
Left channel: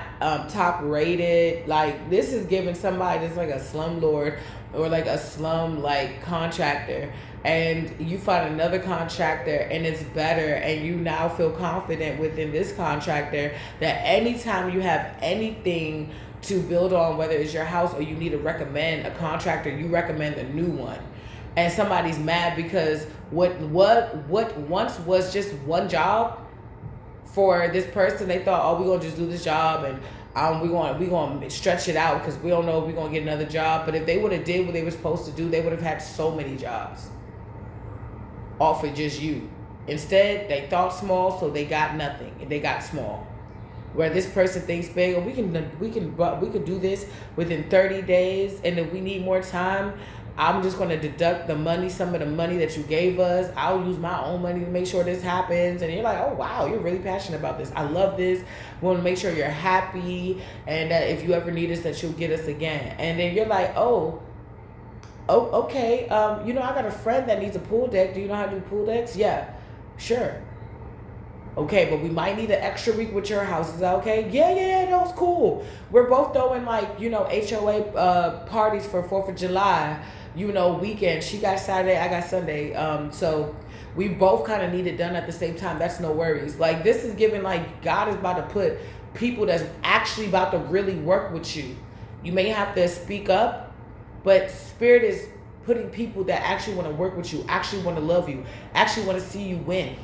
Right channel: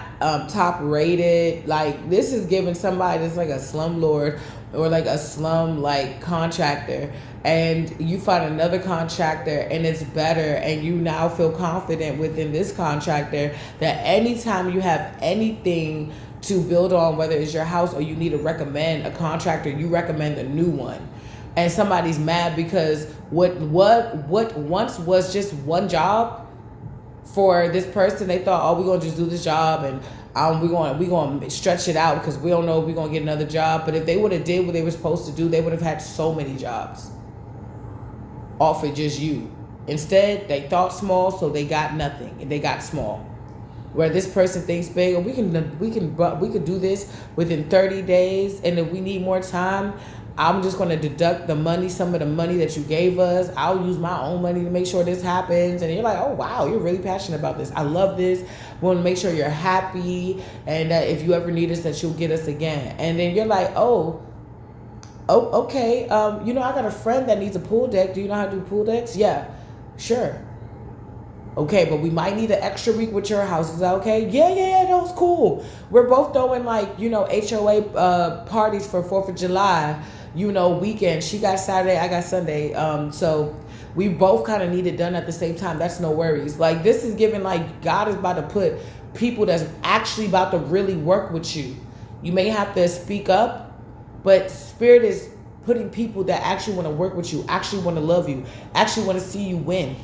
top rated. Like, this is giving somebody that's like a slumlord or like a slum like contractor, and you find another contractor and it's better, and you now feel confident within this contractor that anytime you have anything to build on, whether it's your house or you need to recommend a contractor, you recommend a new one. And somebody's mad because what once was just one job for this person, they thought, oh, we're gonna just do this job, and we're going to stretch it out because we don't know if we're going to get another job. But if they would have did what they were supposed to do, they would have had so many jobs offered just you. Instead, they thought small, so they got nothing. They got small. where this person thinks big, or we can do this within 30 days, and if we need more time, I'm just going to deduct the money, some of the money that you gave us. I'll use my own money to make sure this happens. And you're like, oh wow, you're really passionate about this. I love this. We want to make sure you're happy, and that if you ever need us, that you'll get us again. And then you're like, oh, okay. I got a friend that needs a pool deck. Do you know how to do pool decks? Yeah, sure. Okay, but we might need an extra week with your house. Is that okay? Yeah, that was cool. We're both throwing HOA parties for 4th of July, weekend. She got Saturday, I got Sunday. So we both kind of need it done at the same time. That's no worries. Like, this is giving, like, God is about to put people that's actually about to really work with you. You may have to speak up, but Spirit is putting people that actually want to work with you, actually want to love you, actually want to see you win.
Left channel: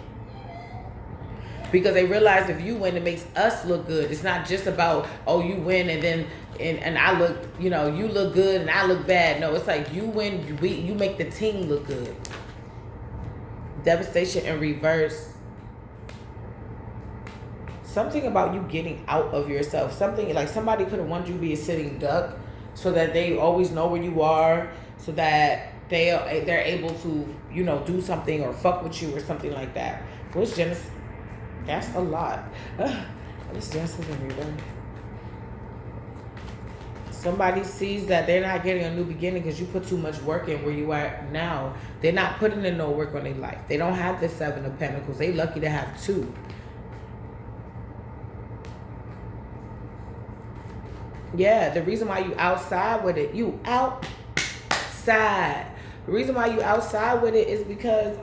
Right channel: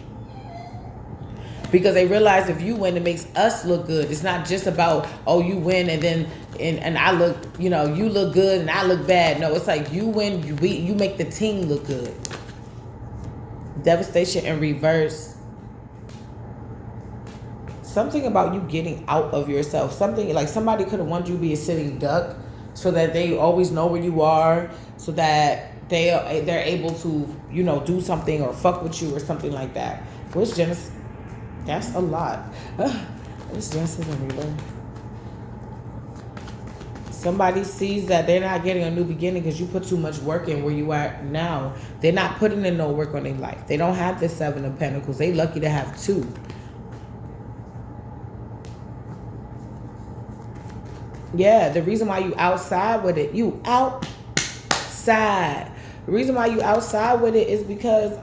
Because they realize if you win, it makes us look good. It's not just about, oh, you win and then and I look, you look good and I look bad. No, it's like you win, you make the team look good. Devastation in reverse. Something about you getting out of yourself. Something like somebody could have wanted you to be a sitting duck so that they always know where you are, so that they're able to, do something or fuck with you or something like that. What's Genesis? That's a lot. What's Genesis in reverse? Somebody sees that they're not getting a new beginning because you put too much work in where you are now. They're not putting in no work on their life. They don't have the 7 of Pentacles. They lucky to have 2. Yeah, the reason why you outside with it, The reason why you outside with it is because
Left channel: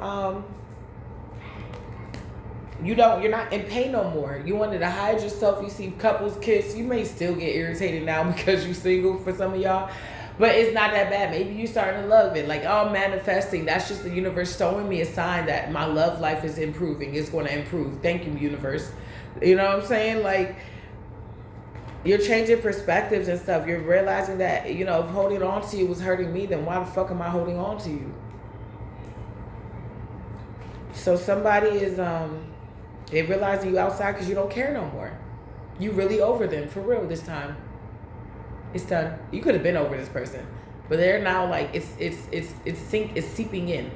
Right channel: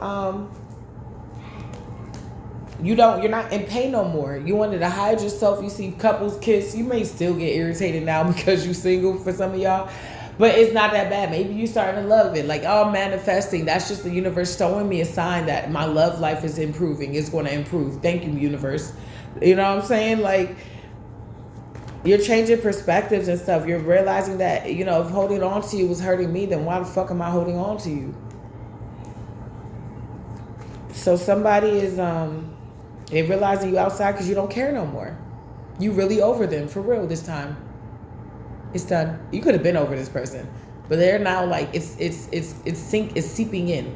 you're not in pain no more. You wanted to hide yourself. You see couples kiss. You may still get irritated now because you're single for some of y'all, but it's not that bad. Maybe you starting to love it. Like, oh, I'm manifesting. That's just the universe showing me a sign that my love life is improving. It's going to improve. Thank you, universe. You know what I'm saying? Like, you're changing perspectives and stuff. You're realizing that, if holding on to you was hurting me, then why the fuck am I holding on to you? So somebody is, they're realizing you outside because you don't care no more. You really over them for real this time. It's done. You could have been over this person, but they're now like it's seeping in.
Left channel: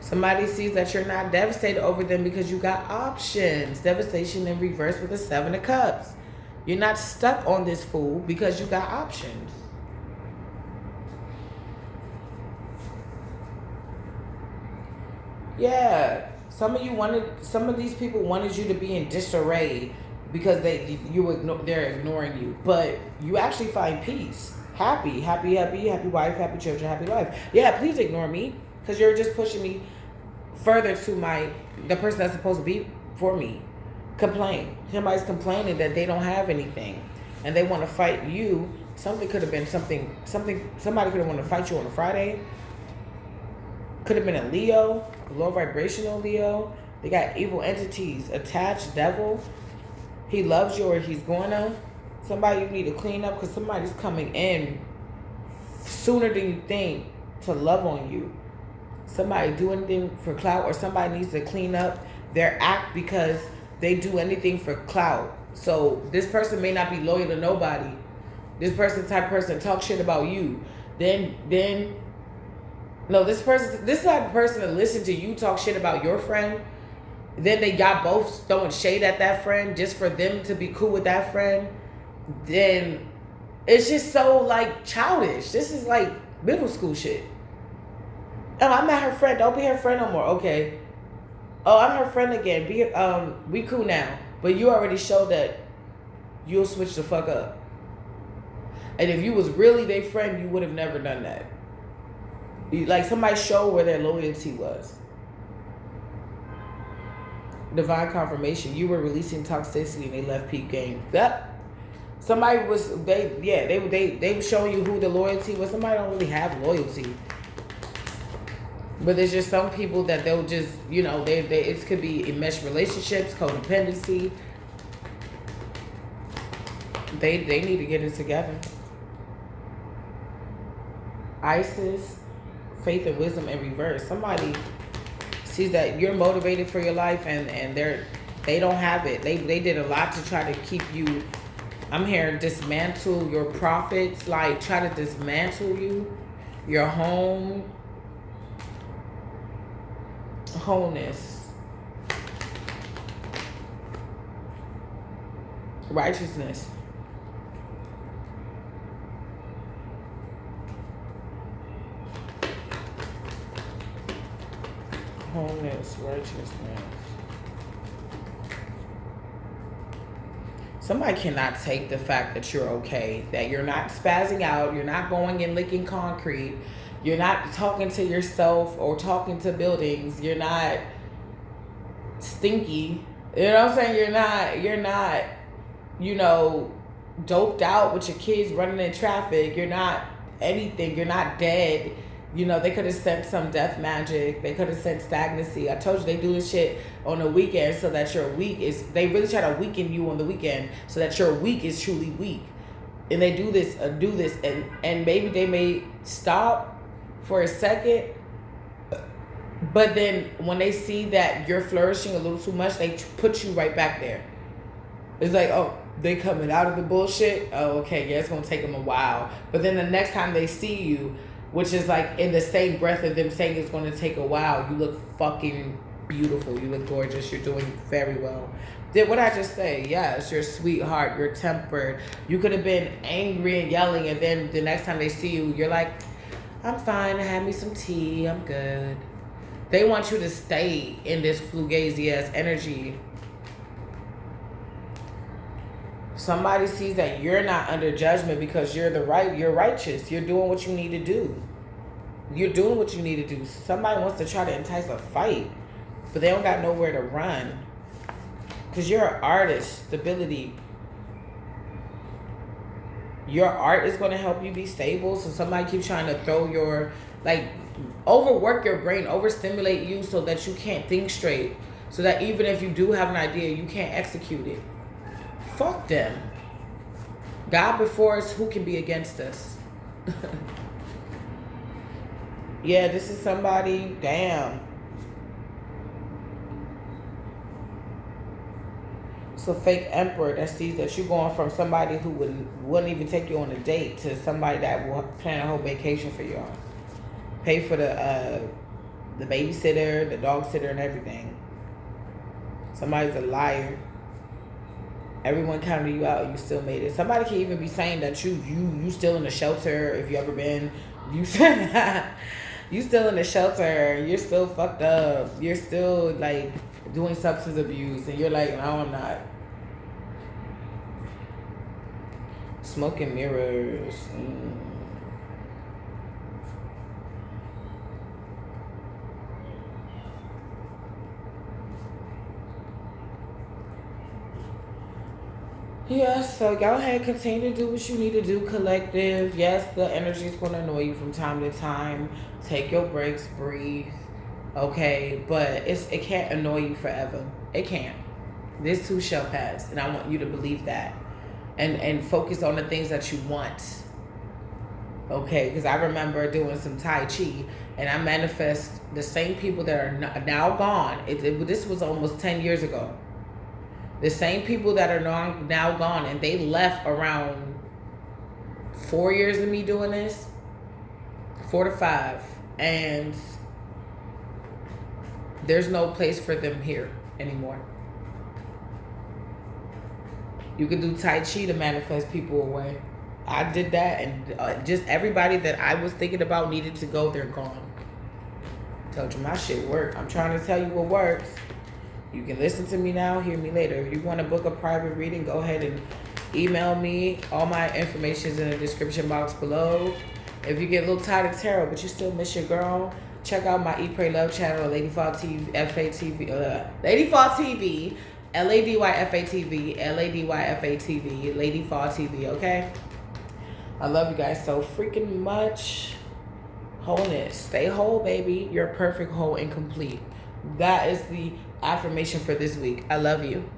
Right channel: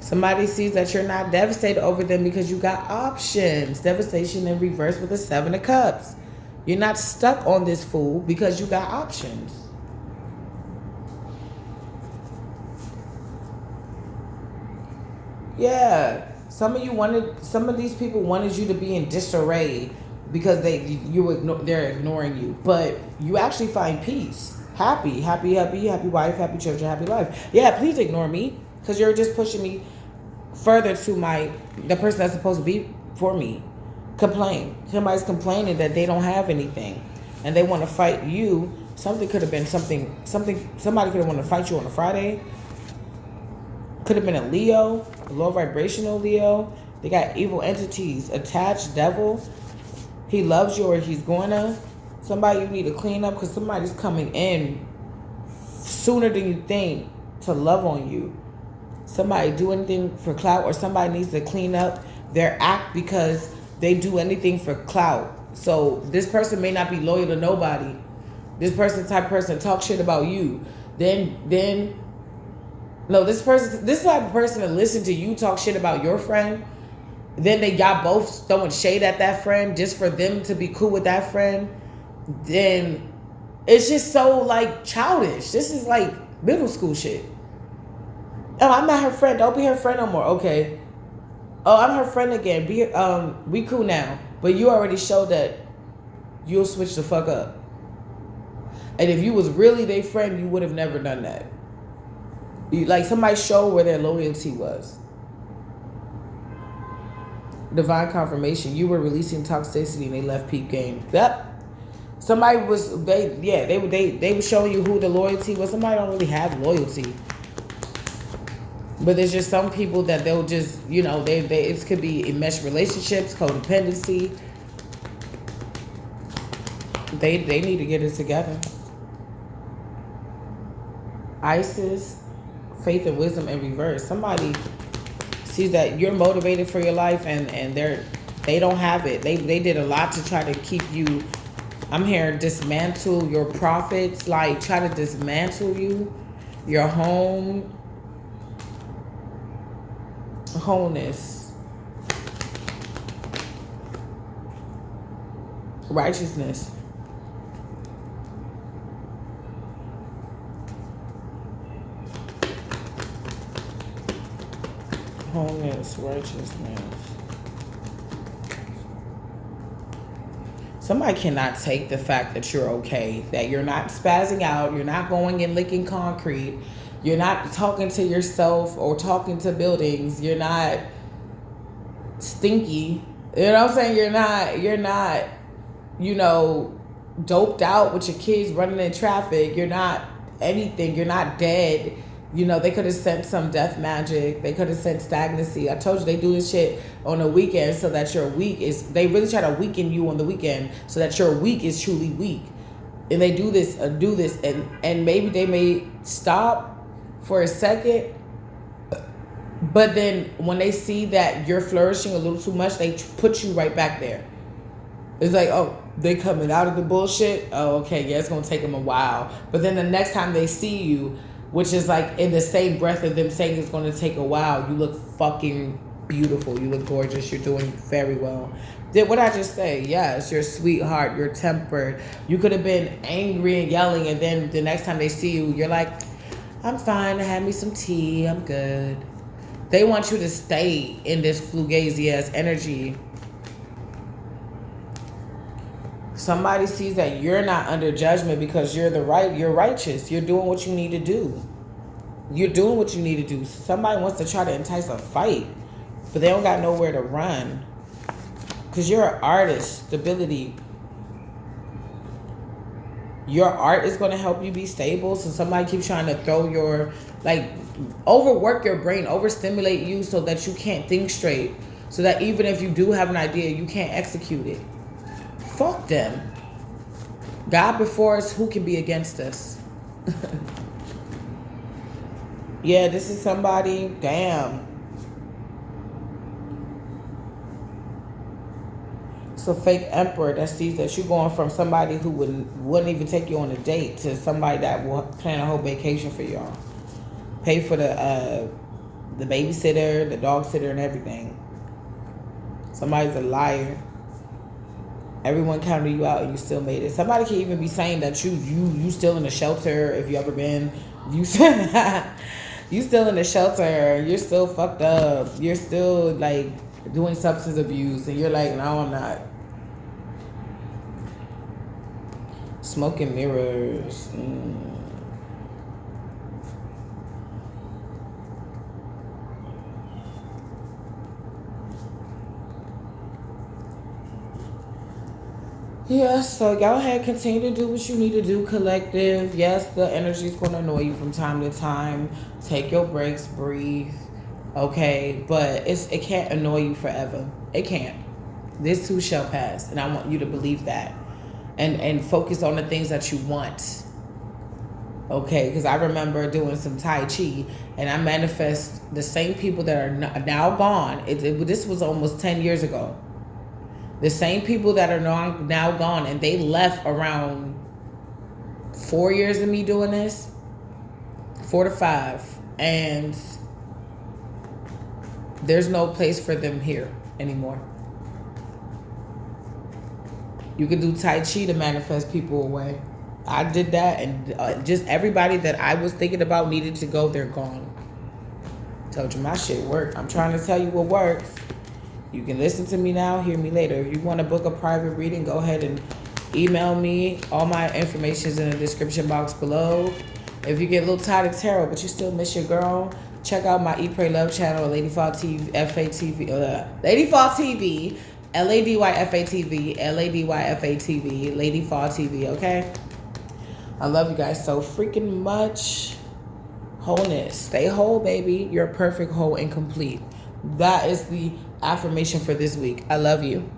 Somebody sees that you're not devastated over them because you got options. Devastation in reverse with the 7 of Cups. You're not stuck on this fool because you got options. Yeah, some of these people wanted you to be in disarray because they're ignoring you, but you actually find peace, happy wife, happy children, happy life. Yeah, please ignore me because you're just pushing me further to the person that's supposed to be for me. Complain. Somebody's complaining that they don't have anything, and they want to fight you. Somebody could have wanted to fight you on a Friday. Could have been a Leo, a low vibrational Leo. They got evil entities, attached devil. He loves you or he's gonna. Somebody you need to clean up because somebody's coming in sooner than you think to love on you. Somebody do anything for clout, or somebody needs to clean up their act because they do anything for clout. So this person may not be loyal to nobody. This type of person talk shit about you. No, this type of person to listen to you talk shit about your friend. Then they got both throwing shade at that friend just for them to be cool with that friend. Then it's just so like childish. This is like middle school shit. Oh, I'm not her friend. Don't be her friend no more. Okay. Oh, I'm her friend again. We cool now. But you already showed that you'll switch the fuck up. And if you was really their friend, you would have never done that. Like somebody showed where their loyalty was. Divine confirmation. You were releasing toxicity and they left peep game. Yep. Somebody was they were showing you who the loyalty was. Somebody don't really have loyalty. But there's just some people that they'll just, it could be enmeshed relationships, codependency. They need to get it together. Isis, faith and wisdom in reverse. Somebody sees that you're motivated for your life, and they don't have it. They did a lot to try to keep you. I'm hearing dismantle your profits, like try to dismantle you, your home, wholeness, righteousness. Wholeness, righteousness. Somebody cannot take the fact that you're okay, that you're not spazzing out, you're not going and licking concrete, you're not talking to yourself or talking to buildings, you're not stinky. You know what I'm saying? You're not, you know, doped out with your kids running in traffic. You're not anything. You're not dead. You know, they could have sent some death magic. They could have sent stagnancy. I told you they do this shit on the weekend so that your week is, they really try to weaken you on the weekend so that your week is truly weak. And they do this, and maybe they may stop for a second, but then when they see that you're flourishing a little too much, they put you right back there. It's like, oh, they coming out of the bullshit? Oh, okay, yeah, it's going to take them a while. But then the next time they see you, which is like in the same breath of them saying it's going to take a while, you look fucking beautiful. You look gorgeous. You're doing very well. Did what I just say? Yes, you're a sweetheart. You're tempered. You could have been angry and yelling, and then the next time they see you, you're like, I'm fine. I had me some tea. I'm good. They want you to stay in this fugazi-ass energy. Somebody sees that you're not under judgment because you're righteous. You're doing what you need to do. You're doing what you need to do. Somebody wants to try to entice a fight, but they don't got nowhere to run. Because you're an artist. Stability. Your art is going to help you be stable. So somebody keeps trying to throw your, like, overwork your brain, overstimulate you so that you can't think straight. So that even if you do have an idea, you can't execute it. Fuck them. God before us, who can be against us? Yeah, this is somebody, damn. It's a fake emperor that sees that you're going from somebody who wouldn't even take you on a date to somebody that will plan a whole vacation for y'all. Pay for the babysitter, the dog sitter, and everything. Somebody's a liar. Everyone counted you out and you still made it. Somebody can even be saying that you still in the shelter if you ever been. You still in the shelter. You're still fucked up. You're still like doing substance abuse, and you're like, no, I'm not. Smoking mirrors. Yes, so go ahead, continue to do what you need to do, collective. Yes, the energy is going to annoy you from time to time. Take your breaks, breathe, okay? But it can't annoy you forever. It can't. This too shall pass, and I want you to believe that. And focus on the things that you want, okay? Because I remember doing some Tai Chi, and I manifest the same people that are now gone. This was almost 10 years ago. The same people that are now gone, and they left around 4 years of me doing this, 4 to 5, and there's no place for them here anymore. You can do Tai Chi to manifest people away. I did that, and just everybody that I was thinking about needed to go, they're gone. Told you my shit worked. I'm trying to tell you what works. You can listen to me now, hear me later. If you want to book a private reading, go ahead and email me. All my information is in the description box below. If you get a little tired of tarot, but you still miss your girl, check out my Eat, Pray, Love channel at Lady Fall TV, Lady Fall TV, LADYFATV, LADYFATV, Lady Fall TV, okay? I love you guys so freaking much. Wholeness. Stay whole, baby. You're perfect, whole, and complete. That is the affirmation for this week. I love you.